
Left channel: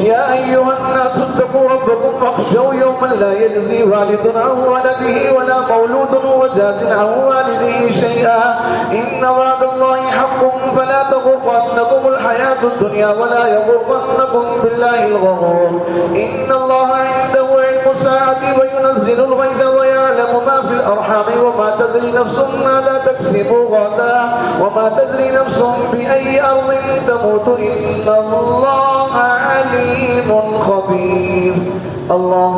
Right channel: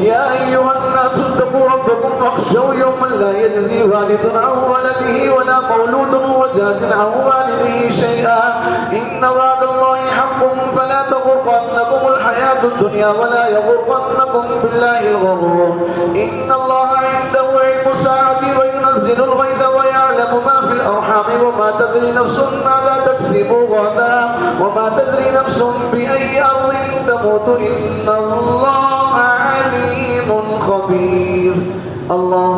يا أيها الناس اتقوا ربكم واخشوا يوما لا يجزي والد عن ولده ولا مولود وجاز عن والده شيئا إن وعد الله حق فلا تغرنكم الحياة الدنيا ولا يغرنكم بالله الغرور. إن الله عنده علم الساعة وينزل الغيث ويعلم ما في الأرحام وما تدري نفس ماذا تكسب غدا وما تدري نفس بأي أرض تموت إن الله عليم خبير. الله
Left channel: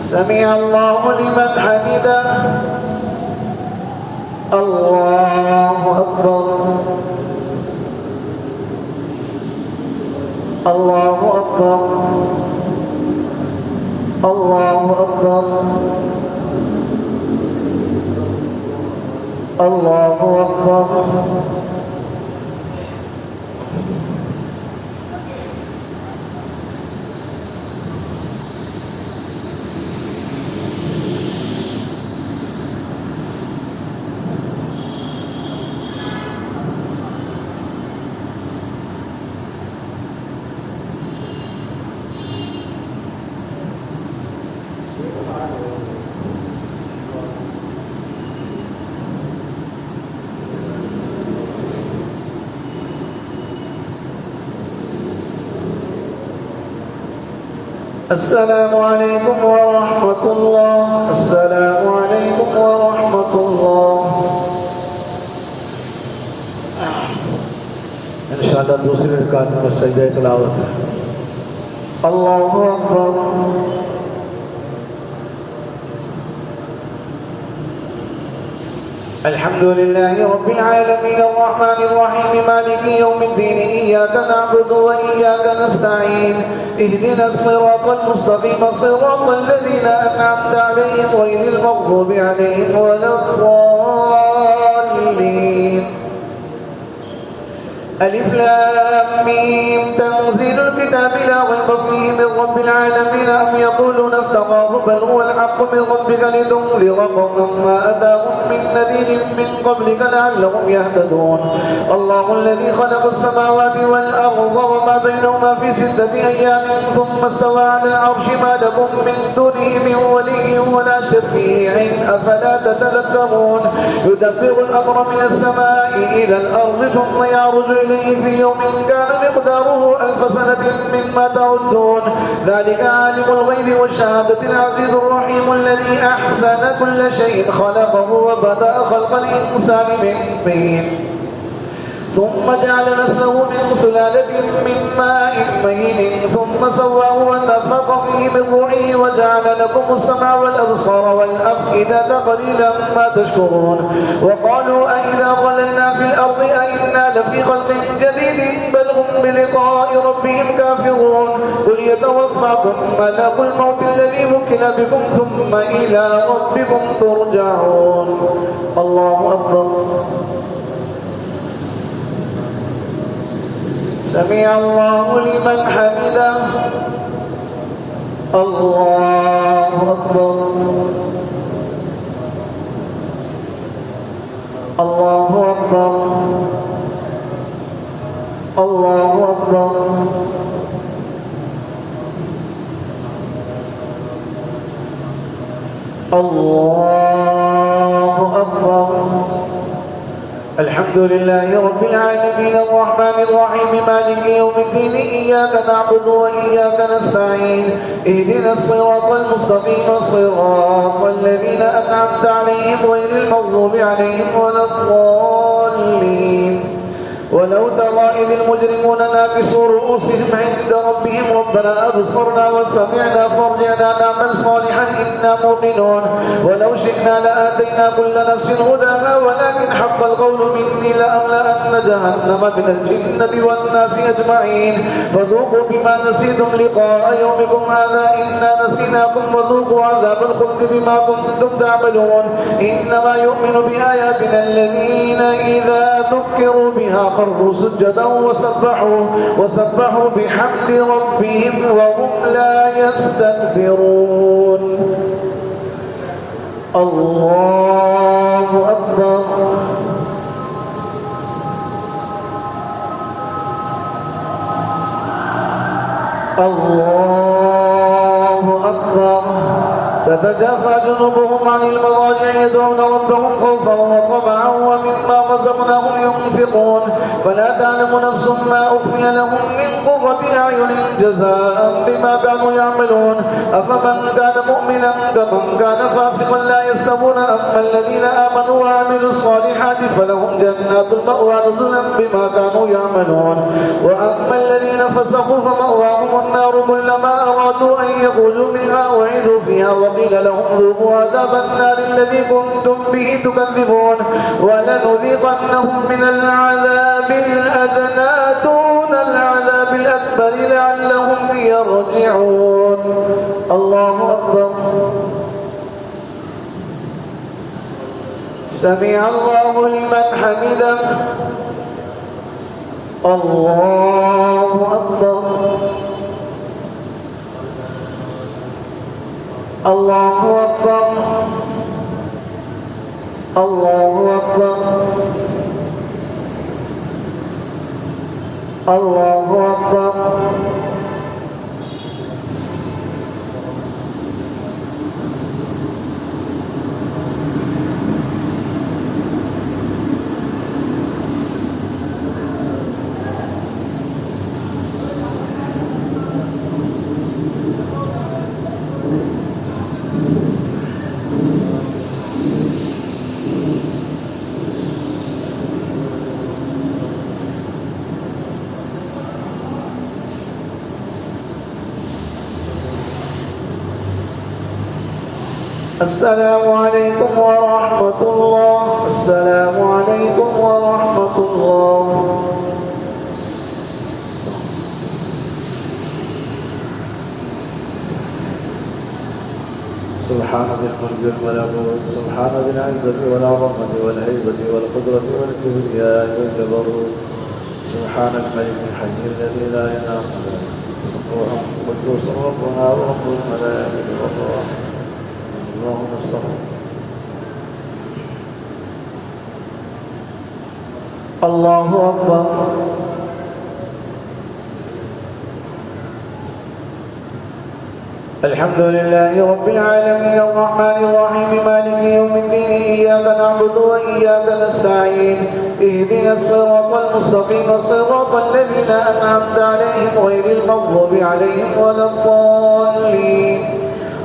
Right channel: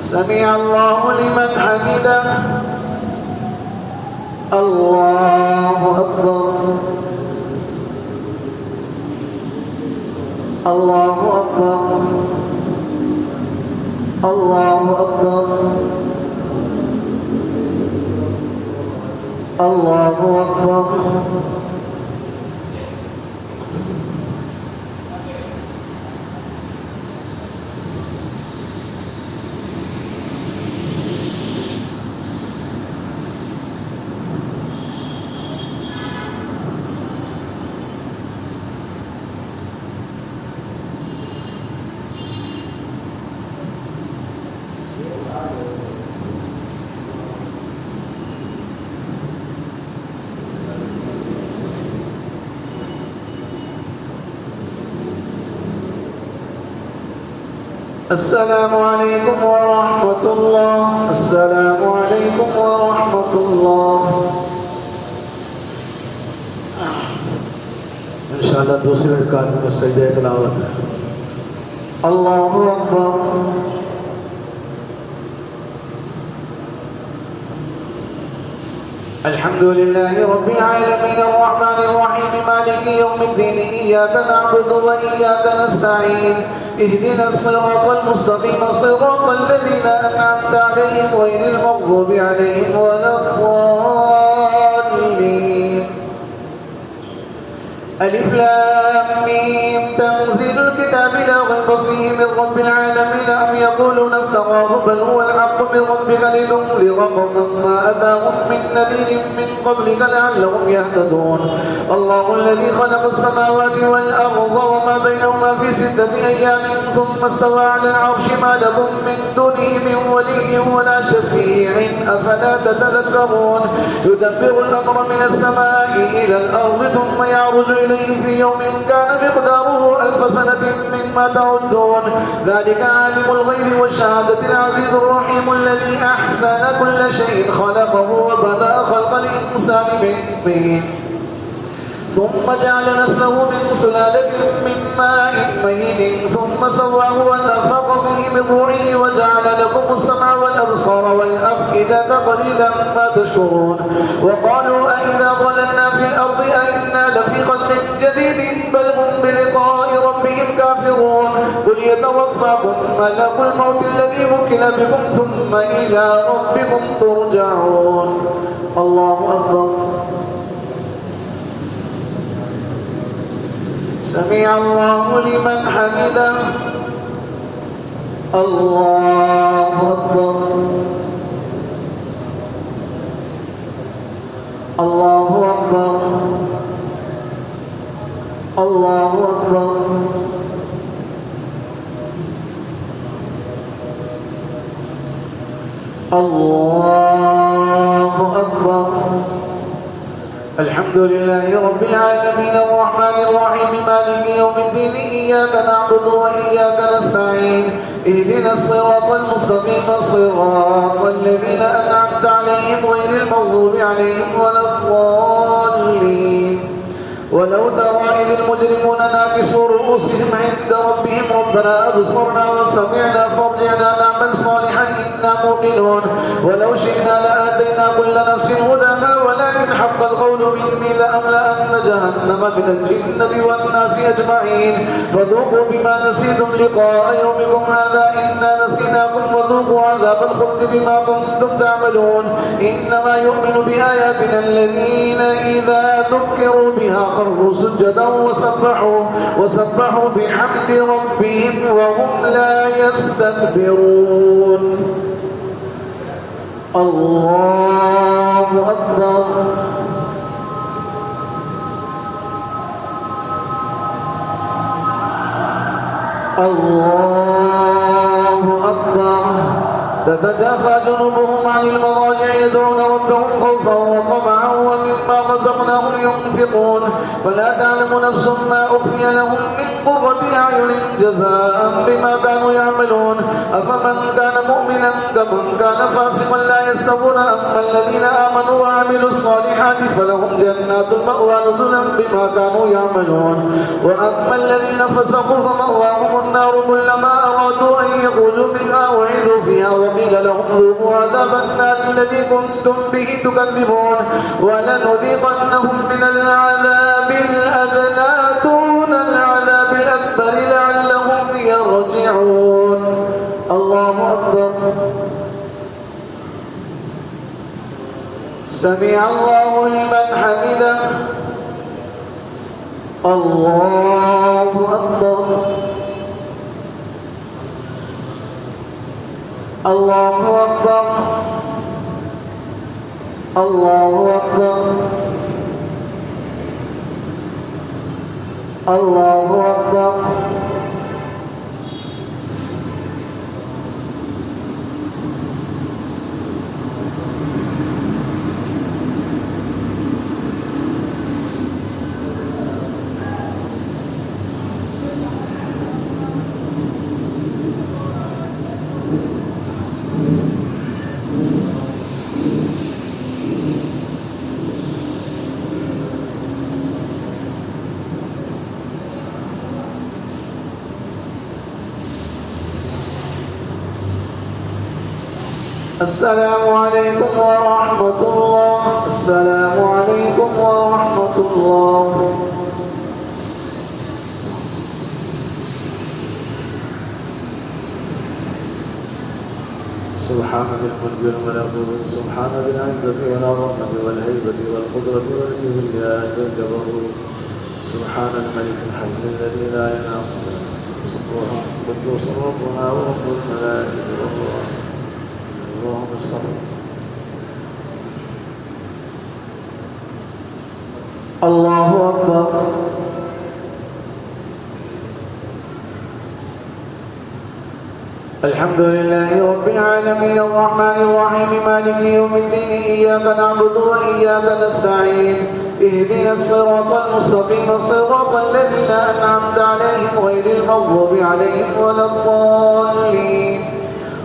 سمع الله لمن حمده. الله أكبر. الله أكبر الله أكبر الله أكبر. السلام عليكم ورحمة الله. السلام عليكم ورحمة الله. इंशाअल्लाह दूसरे रकात में सजदे तिलावत है. अल्लाहु अकबर. الحمد لله رب العالمين الرحمن الرحيم مالك يوم الدين إياك نعبد وإياك نستعين اهدنا الصراط المستقيم صراط الذين أنعمت عليهم غير المغضوب عليهم ولا الضالين. ألف لام ميم تنزيل الكتاب لا ريب فيه من رب العالمين أم يقولون افتراه بل هو الحق من ربك لتنذر قوما ما أتاهم من نذير من قبلك لعلهم يهتدون. الله الذي خلق السماوات والأرض وما بينهما في 6 أيام ثم استوى على العرش ما لكم من دونه من ولي ولا شفيع أفلا تتذكرون. يدبر الأمر من السماء إلى الأرض ثم يعرج إليه في يوم كان مقداره 1000 سنة مما تعدون. ذلك عالم الغيب والشهادة العزيز الرحيم الذي أحسن كل شيء خلقه وبدأ خلق الإنسان من طين ثم جعل نسله من سلالة من ماء مهين ثم سواه ونفخ فيه من روحه وجعل لكم السمع والأبصار والأفئدة قليلا ما تشكرون. وقالوا أئذا ضللنا في الأرض أئنا لفي خلق جديد بل هم بلقاء ربهم كافرون. قل يتوفاكم ملك الموت الذي وكل بكم ثم إلى ربكم ترجعون. الله أكبر. سمع الله لمن حمده. الله أكبر. الله أكبر. الله أكبر. الله أكبر. الحمد لله رب العالمين الرحمن الرحيم مالك يوم الدين إياك نعبد وإياك نستعين اهدنا الصراط المستقيم صراط الذين أنعمت عليهم غير المغضوب عليهم ولا الضالين. ولو ترى إذ المجرمون ناكسوا رؤوسهم عند ربهم ربنا أبصرنا وسمعنا فارجعنا نعمل صالحا إنا موقنون. ولو شئنا لآتينا كل نفس هداها ولكن حق القول مني لأملأن جهنم من الجنة والناس أجمعين. فذوقوا بما نسيتم لقاء يومكم هذا إنا نسيناكم وذوقوا عذاب الخلد بما كنتم تعملون. إنما يؤمن بآياتنا الذين إذا ذكروا بها خروا سجدا وسبحوا بحمد ربهم وهم لا يستكبرون. الله أكبر. الله أكبر. تتجافى جنوبهم عن المضاجع يدعون ربهم خوفا وطمعا ومما رزقناهم ينفقون. فلا تعلم نفس ما أخفي لهم من قرة أعين جزاء بما كانوا يعملون. أفمن كان مؤمنا كمن كان فاسقا لا يستوون. أما الذين آمنوا وعملوا الصالحات فلهم جنات المأوى نزلا بما كانوا يعملون. وأما الذين فسقوا فمأواهم النار كلما أرادوا أن يخرجوا منها أعيدوا فيها وقيل لهم ذوقوا عذاب النار الذي كنتم به تكذبون. ولنذيقنهم من العذاب الأدنى دون العذاب الأكبر سمع الله لمن حمده. الله أكبر. الله أكبر. الله أكبر. الله أكبر. السلام عليكم ورحمة الله. السلام عليكم ورحمة الله. سبحان ذي الملك والملكوت، سبحان ذي العزة والعظمة والهيبة والقدرة والكبرياء والجبروت، سبحان الملك الحي الذي لا ينام سبحانه قدوس ربنا ورب الملائكة والروح. اللهم صل. الله أكبر. الحمد لله رب العالمين الرحمن الرحيم مالك يوم الدين إياك نعبد وإياك نستعين اهدنا الصراط المستقيم صراط الذين أنعمت عليهم غير المغضوب عليهم ولا الضالين.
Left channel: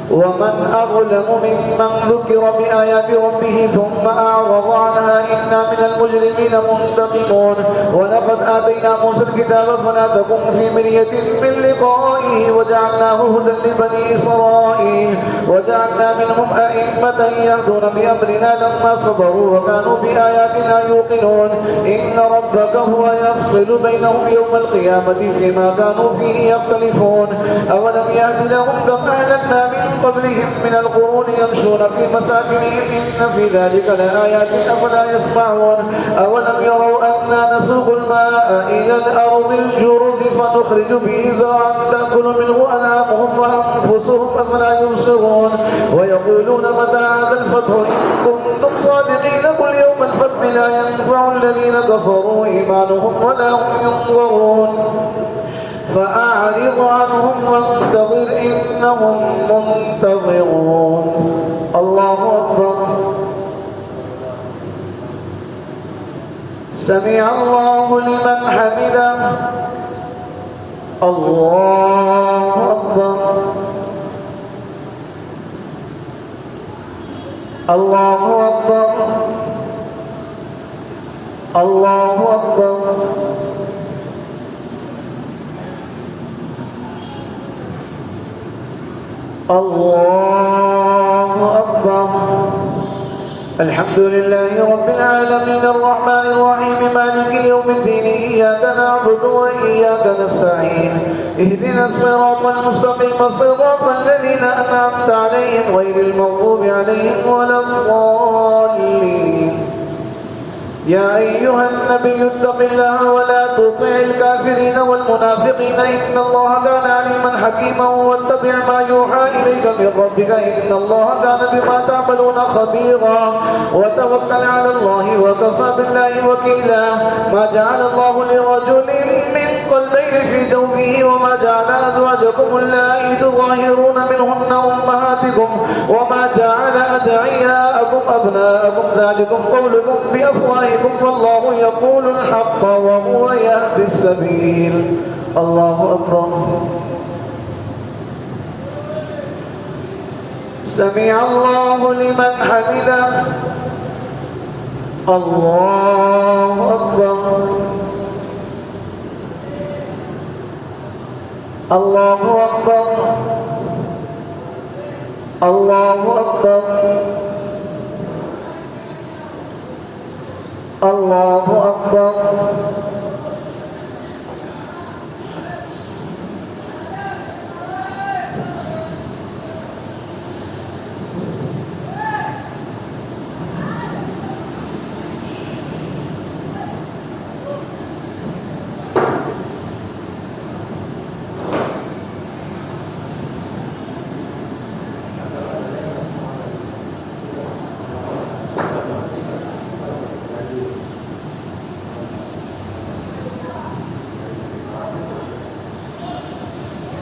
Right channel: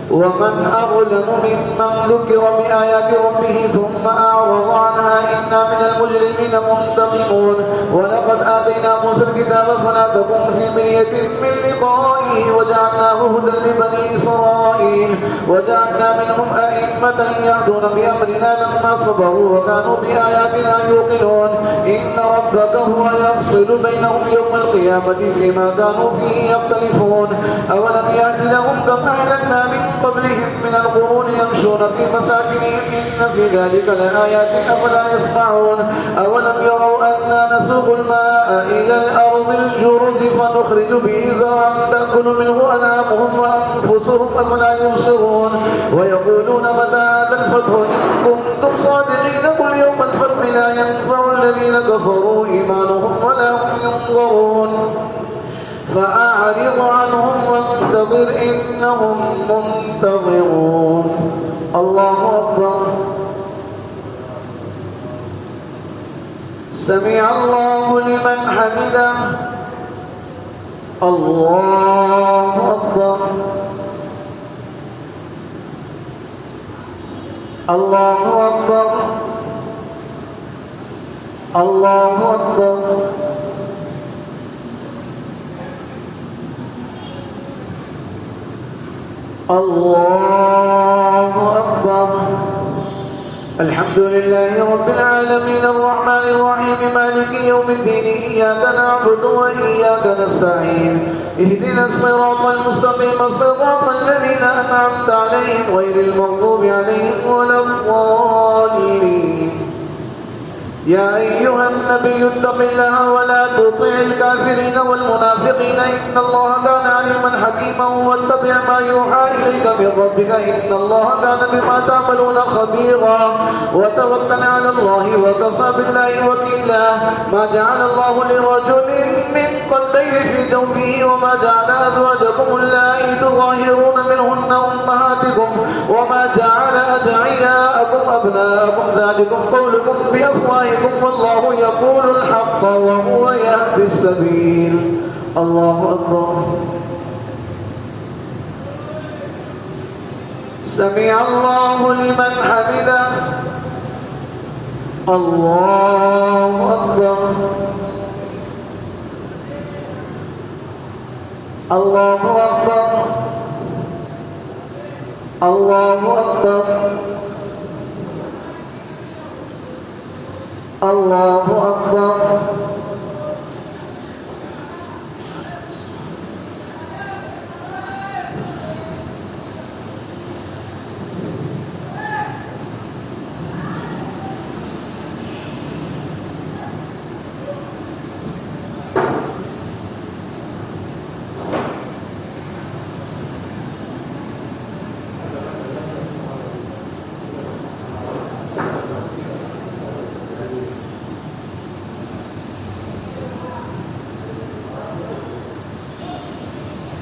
ومن أظلم ممن ذكر بآيات ربه ثم أعرض عنها إنا من المجرمين منتقمون. ولقد آتينا موسى الكتاب فلا تكن في مرية من لقائه وجعلناه هدى لبني إسرائيل وجعلنا منهم أئمة يهدون بأمرنا لما صبروا وكانوا بآياتنا يوقنون. إن ربك هو يفصل بينهم يوم القيامة فيما كانوا فيه يختلفون. أولم يهد لهم كم أهلكنا من قبلهم من القرون يمشون في مساكنهم إن في ذلك لآيات أفلا يسمعون. أولم يروا أنا نسوق الماء إلى الأرض الجرز فنخرج به زرعا تأكل منه أنعامهم وأنفسهم أفلا يبصرون. ويقولون متى هذا الفتح إن كنتم صادقين قل يوم الفتح لا ينفع الذين كفروا إيمانهم ولا هم ينظرون. فأعرض عنهم وانتظر إنهم منتظرون. الله أكبر. سمع الله لمن حمده. الله أكبر. الله أكبر. الله أكبر. الله أكبر. الحمد لله رب العالمين الرحمن الرحيم مالك يوم الدين إياك نعبد وإياك نستعين اهدنا الصراط المستقيم صراط الذين أنعمت عليهم غير المغضوب عليهم ولا الضالين. يا أيها النبي اتق الله ولا تطع الكافرين والمنافقين إن الله كان عليما حكيما واتبع ما يوحى إليك من ربك إن الله كان بما تعملون خبيرا. وتوكل على الله وكفى بالله وكيلا. ما جعل الله لرجل من قلبين في جوفه وما جعل أزواجكم اللائي تظاهرون منهن أمهاتكم وما جعل أدعياءكم أبناءكم ذلكم قولكم بأفواهكم والله يقول الحق وهو يهدي السبيل. الله أكبر. سمع الله لمن حمده. الله أكبر. الله أكبر. الله أكبر. الله أكبر.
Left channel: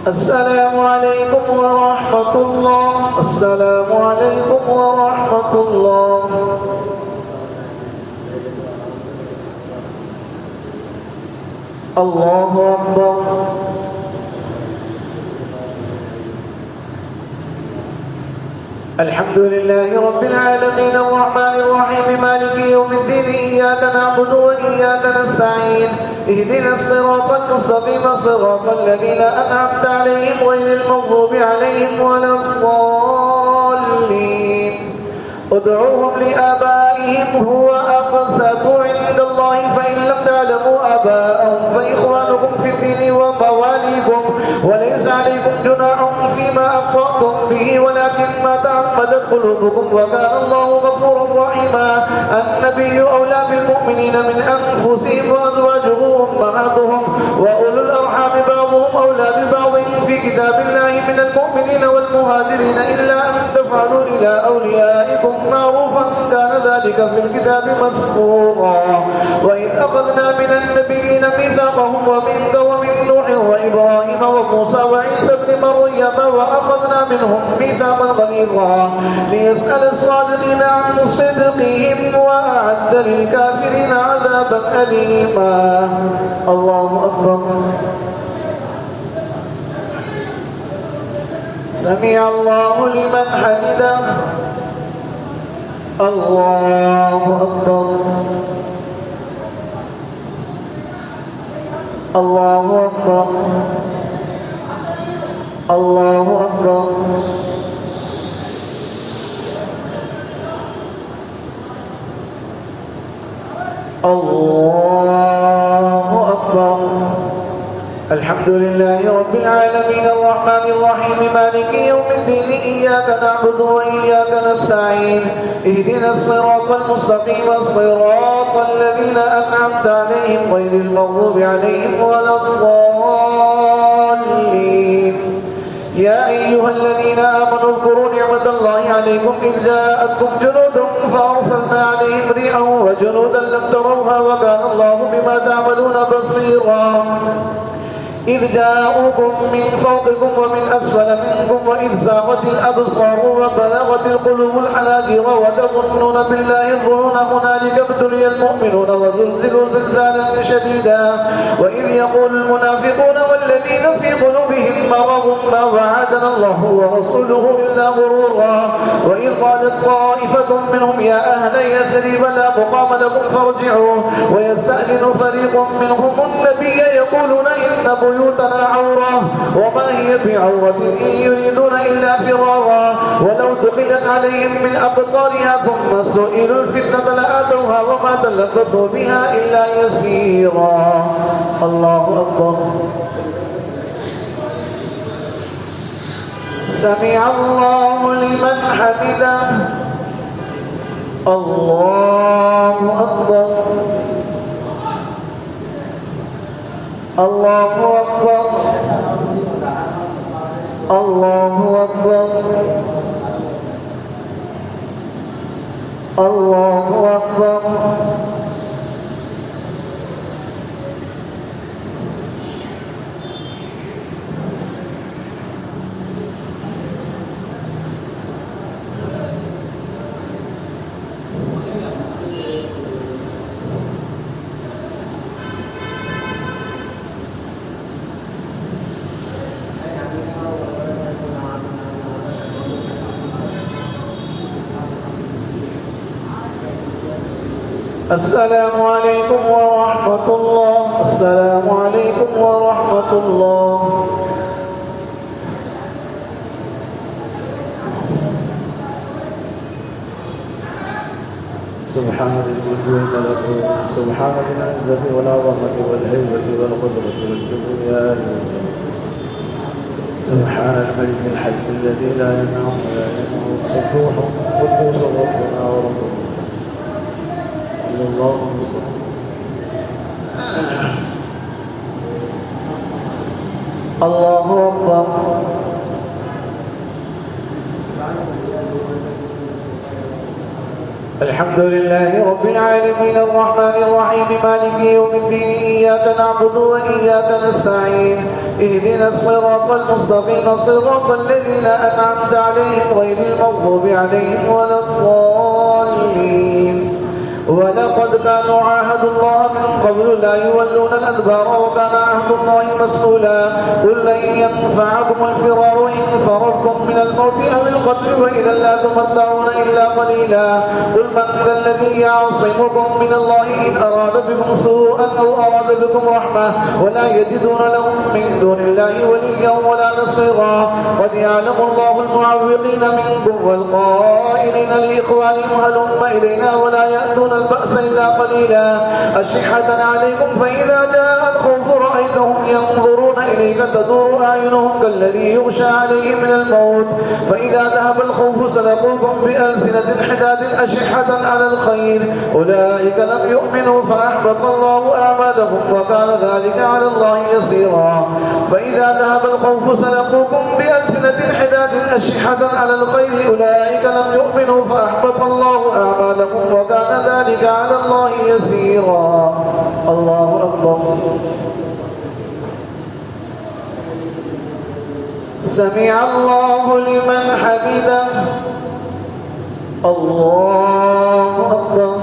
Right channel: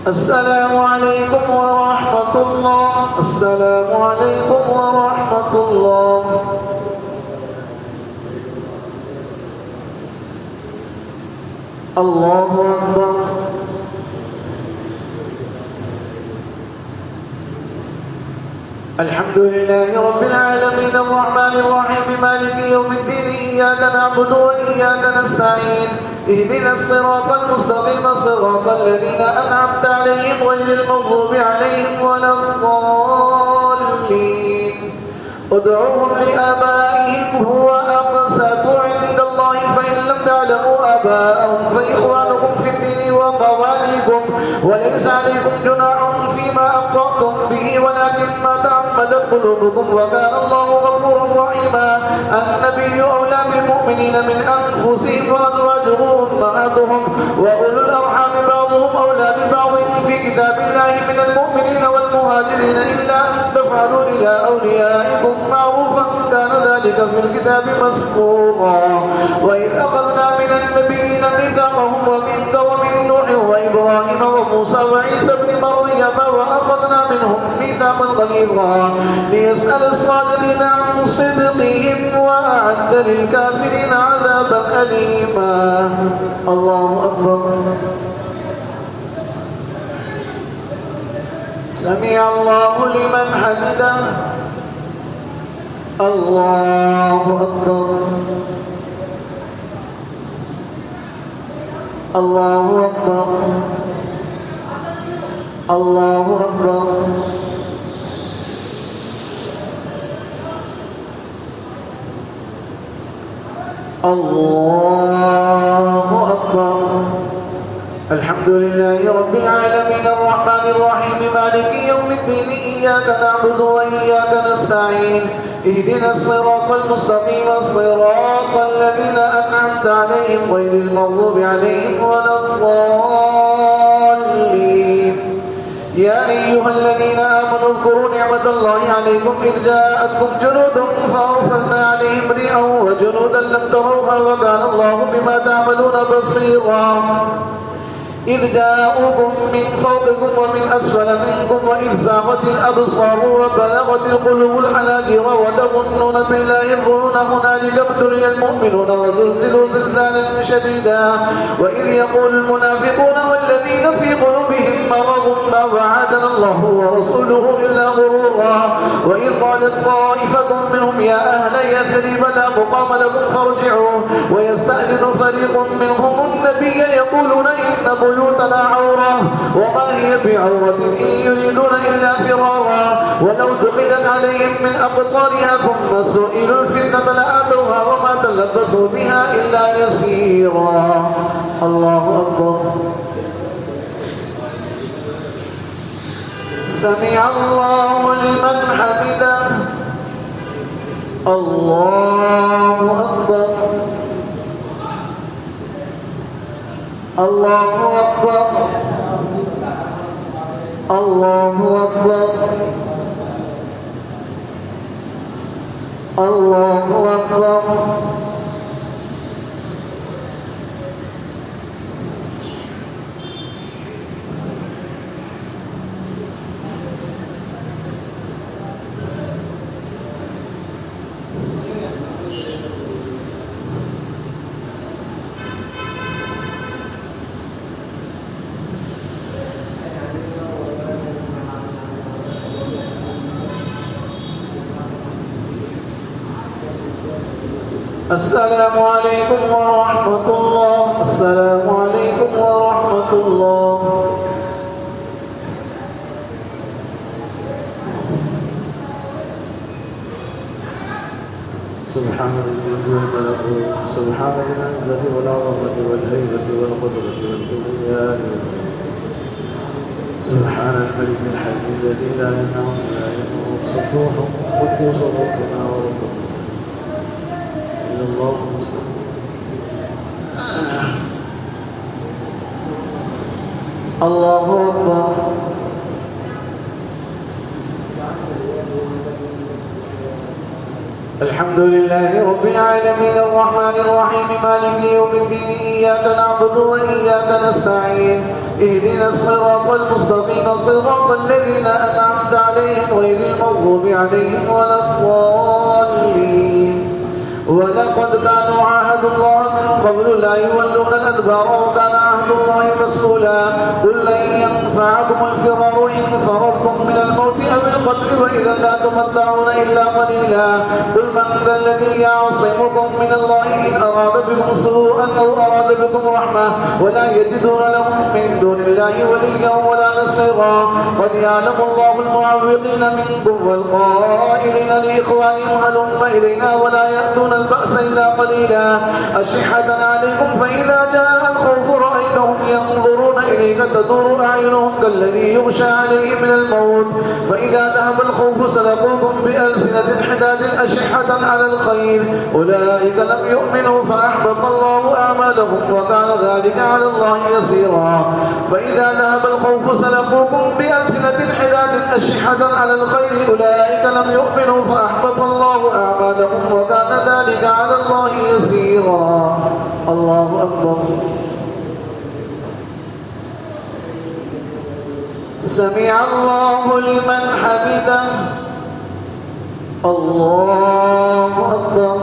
السلام عليكم ورحمة الله. السلام عليكم ورحمة الله. الله أكبر. الحمد لله رب العالمين الرحمن الرحيم مالك يوم الدين إياك نعبد وإياك نستعين اهدنا الصراط المستقيم صراط الذين أنعمت عليهم غير المغضوب عليهم ولا الضالين ادعوهم لآبائهم هو أقسط عند الله فإن لم تعلموا آباءهم فإخوانكم في الدين ومواليكم وليس عليكم جناح فيما أخطأتم به ولكن ما تعمدت قلوبكم وكان الله غفورا رحيما. النبي أولى بالمؤمنين من أنفسهم وأزواجه أمهاتهم وأولو الأرحام بعضهم أولى ببعض في كتاب الله من المؤمنين والمهاجرين إلا أن تفعلوا إلى أوليائكم معروفا كان ذلك في الكتاب مسطورا. وإذ أخذنا من النبيين ميثاقهم ومنك ومن نوح وإبراهيم وموسى وعيسى ابن مريم وأخذنا منهم ميثاقا غليظا ليسأل الصادقين عن صدقهم وأعد للكافرين عذابا أليما. الله أكبر. سمع الله لمن حمده. الله أكبر. الله أكبر. الله أكبر. الله أكبر. الحمد لله رب العالمين الرحمن الرحيم مالك يوم الدين إياك نعبد وإياك نستعين اهدنا الصراط المستقيم صراط الذين أنعمت عليهم غير المغضوب عليهم ولا الضالين. يا أيها الذين آمنوا اذكروا نعمة الله عليكم إذ جاءتكم جنود فأرسلنا عليهم ريحا وجنودا لم تروها وكان الله بما تعملون بصيرا. إذ جاءوكم من فوقكم ومن أسفل منكم وإذ زاغت الأبصار وبلغت القلوب الحناجر وتظنون بالله الظنون هنالك ابتلي المؤمنون وزلزلوا زلزالا شديدا. وإذ يقول المنافقون والذين في قلوبهم مرض ما وعدنا الله ورسوله إلا غرورا. وإذ قالت طائفة منهم يا أهل يثرب لا مقام لكم فارجعوا ويستأذن فريق منهم النبي يقولون إن بيوتنا عورة وما هي بعورة إن يريدون إلا فرارا ولو دخلت عليهم من أقطارها ثم سئلوا الفتنة لآتوها وما تلبثوا بها إلا يسيرا. الله أكبر. سمع الله لمن حمده. الله أكبر. الله أكبر. الله أكبر. الله أكبر. السلام عليكم ورحمة الله. السلام عليكم ورحمة الله. سبحان الذي الملكوت سبحان العزة والعظمة والهيبة والقدرة والكبرياء سبحان الملك الحي الذي لا ينام ولا يموت سبوح قدوس ربنا وربكم اللهم صل. الله أكبر. الحمد لله رب العالمين الرحمن الرحيم مالك يوم الدين إياك نعبد وإياك نستعين اهدنا الصراط المستقيم صراط الذين أنعمت عليهم غير المغضوب عليهم ولا الضالين ولقد كانوا عاهدوا الله من قبل لا يولون الأدبار وكان عهد الله مسؤولا قل لن ينفعكم الفرار إن فررتم من الموت أو القتل وإذا لا تمتعون إلا قليلا قل من ذا الذي يعصمكم من الله إن أراد بكم سوءا أو أراد بكم رحمة ولا يجدون لهم من دون الله وليا ولا نصيرا قد يعلم الله المعوقين منكم والقائلين لإخوانهم هلم إلينا ولا يأتون البأس إلا قليلا أشحة عليكم فإذا جاء الخوف رأيتهم ينظرون إليك تدور أعينهم كالذي يغشى عليه من الموت فإذا ذهب الخوف سلقوكم بألسنة حداد أشحة على الخير أولئك لم يؤمنوا فأحبط الله أعمالهم وكان ذلك على الله يسيرا فإذا ذهب الخوف سلقوكم بألسنة حداد أشحة على الخير أولئك لم يؤمنوا فأحبط الله أعمالهم وكان ذلك على الله يسيرا الله أكبر سمع الله لمن حمده الله أكبر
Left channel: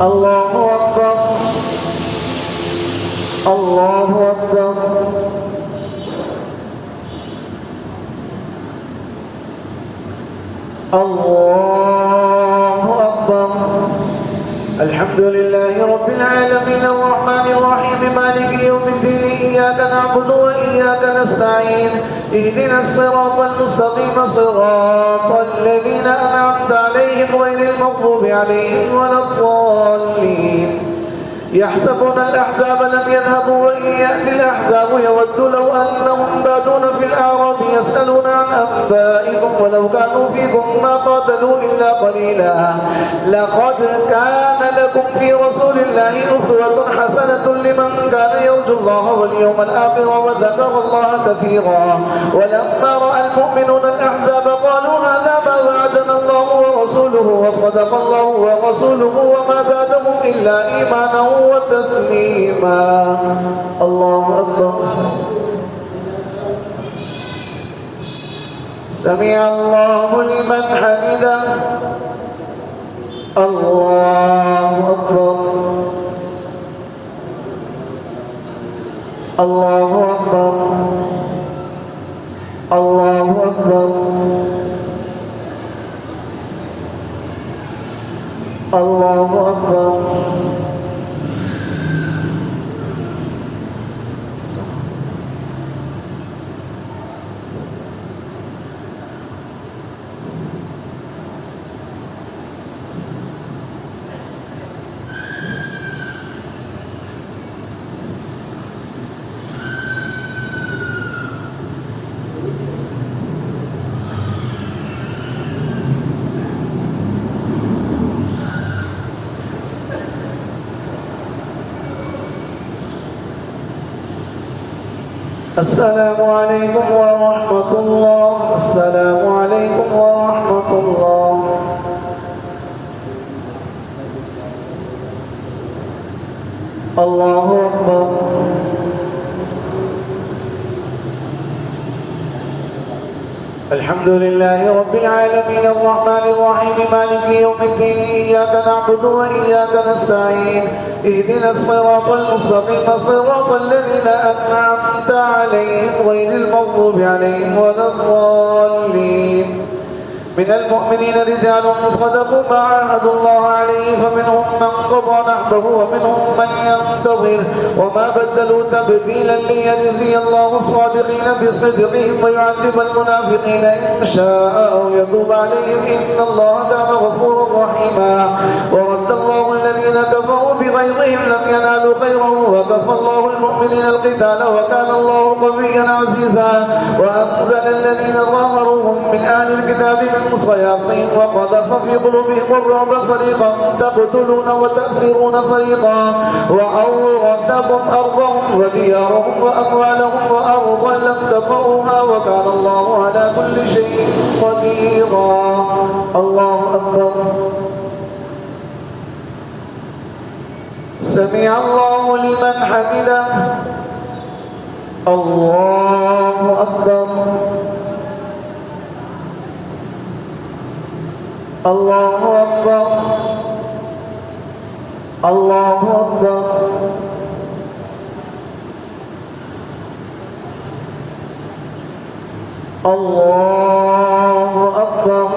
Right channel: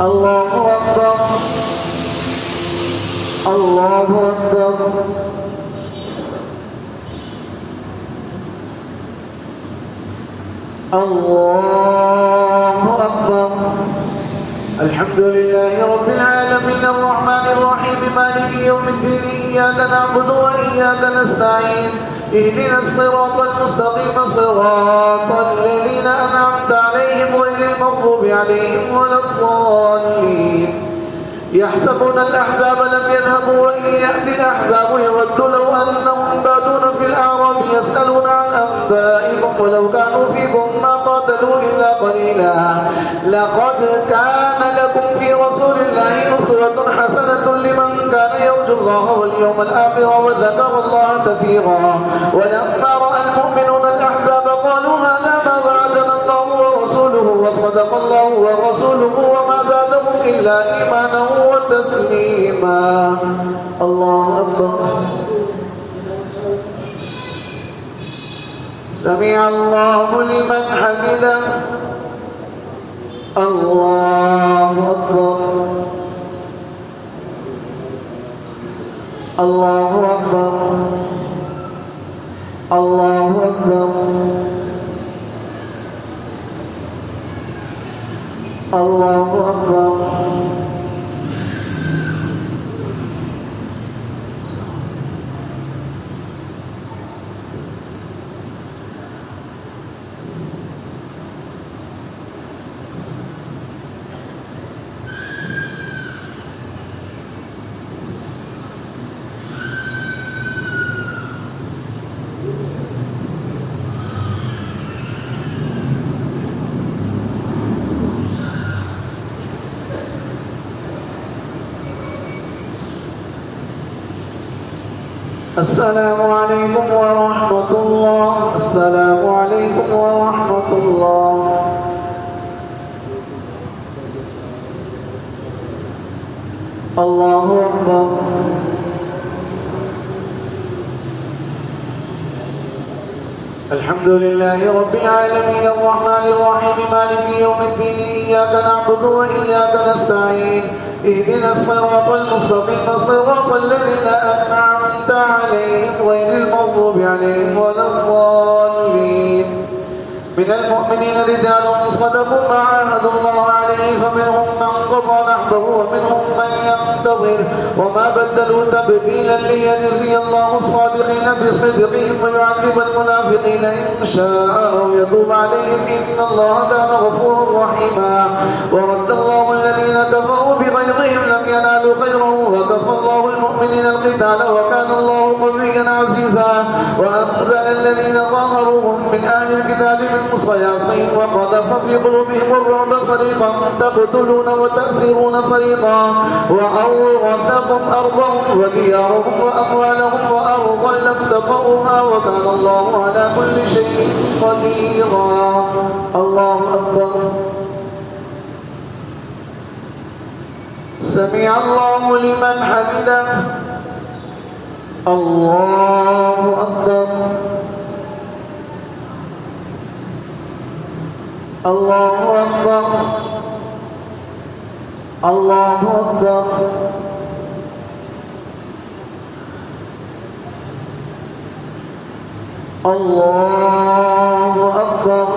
الله أكبر الله أكبر الله أكبر الحمد لله رب العالمين الرحمن الرحيم مالك يوم الدين إياك نعبد وإياك نستعين اهدنا الصراط المستقيم صراط الذين أنعمت عليهم غير المغضوب عليهم ولا الضالين يحسبون الأحزاب لم يذهبوا وإن يأتي الأحزاب يود لو أنهم بادون في الأعراب يسألون عن أنبائكم ولو كانوا فيكم ما قاتلوا إلا قليلا لقد كان لكم في رسول الله أسوة حسنة لمن كان يرجو الله واليوم الآخر وذكر الله كثيرا ولما رأى المؤمنون الأحزاب قالوا هذا ما وعدنا الله ورسوله وصدق الله ورسوله وما زادهم إلا إيمانا وتسليما الله أكبر سمع الله لمن حمده الله أكبر الله أكبر الله أكبر الله أكبر السلام عليكم ورحمة الله السلام عليكم ورحمة الله الله أكبر الحمد لله رب العالمين الرحمن الرحيم مالك يوم الدين إياك نعبد وإياك نستعين اهدنا الصراط المستقيم صراط الذين أنعمت عليهم غير المغضوب عليهم ولا الضالين من المؤمنين رجال صدقوا ما عاهدوا الله عليه فمنهم من قضى نحبه ومنهم من ينتظر وما بدلوا تبديلا ليجزي الله الصادقين بصدقهم ويعذب المنافقين إن شاء أو يتوب عليهم إن الله كان غفورا رحيما ورد الله الذين كفروا بغيظهم لم ينالوا خيرا وكفى الله المؤمنين القتال وكان الله قويا عزيزا وأنزل الذين ظاهروهم من أهل الكتاب من صياصيهم وقذف في قلوبهم الرعب فريقا تقتلون وتأسرون فريقا وأورثكم أرضهم وديارهم وأموالهم وأرضا لم تطئوها وكان الله على كل شيء قديرا. الله أكبر. سمع الله لمن حمده. الله أكبر. الله أكبر. الله أكبر. الله أكبر.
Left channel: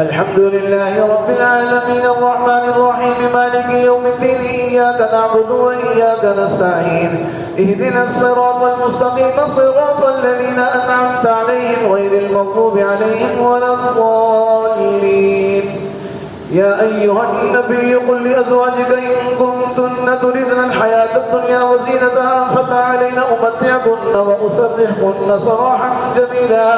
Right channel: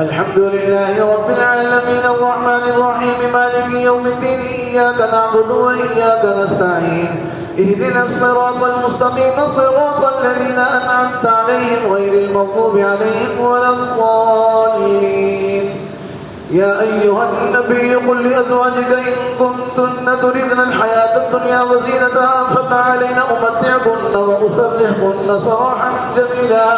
الحمد لله رب العالمين الرحمن الرحيم مالك يوم الدين إياك نعبد وإياك نستعين اهدنا الصراط المستقيم صراط الذين أنعمت عليهم غير المغضوب عليهم ولا الضالين. يا أيها النبي قل لأزواجك إن كنتن تردن الحياة الدنيا وزينتها فتعالين أمتعكن وأسرحكن سراحا جميلا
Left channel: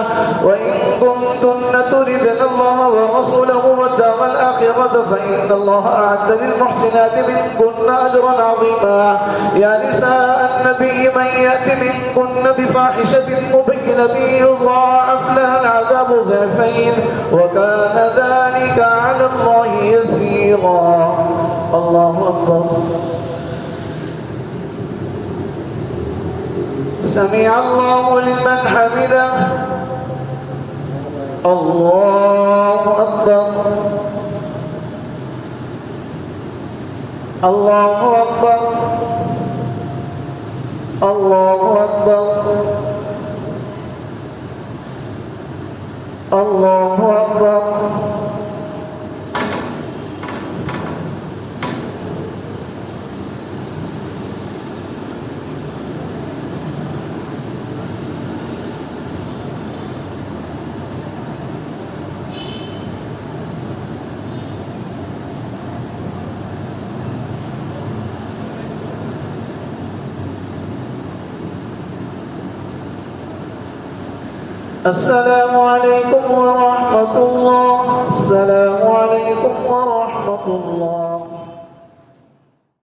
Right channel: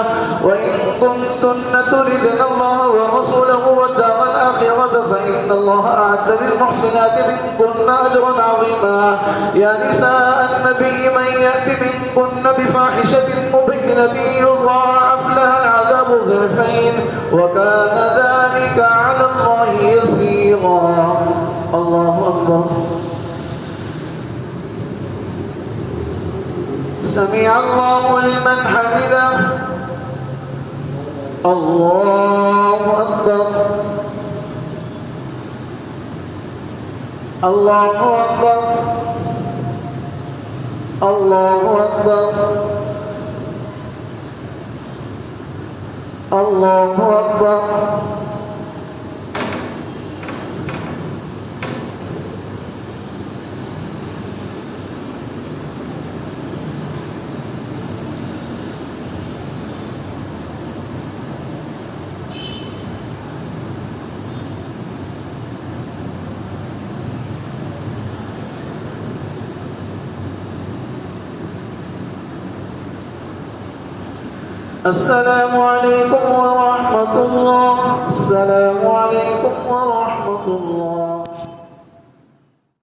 وإن كنتن تردن الله ورسوله والدار الآخرة فإن الله أعد للمحسنات منكن أجرا عظيما. يا نساء النبي من يأت منكن بفاحشة مبينة يضاعف لها العذاب ضعفين وكان ذلك على الله يسيرا. الله أكبر. سمع الله لمن حمده. الله أكبر. الله أكبر. الله أكبر. الله أكبر. السلام عليكم ورحمة الله. السلام عليكم ورحمة الله.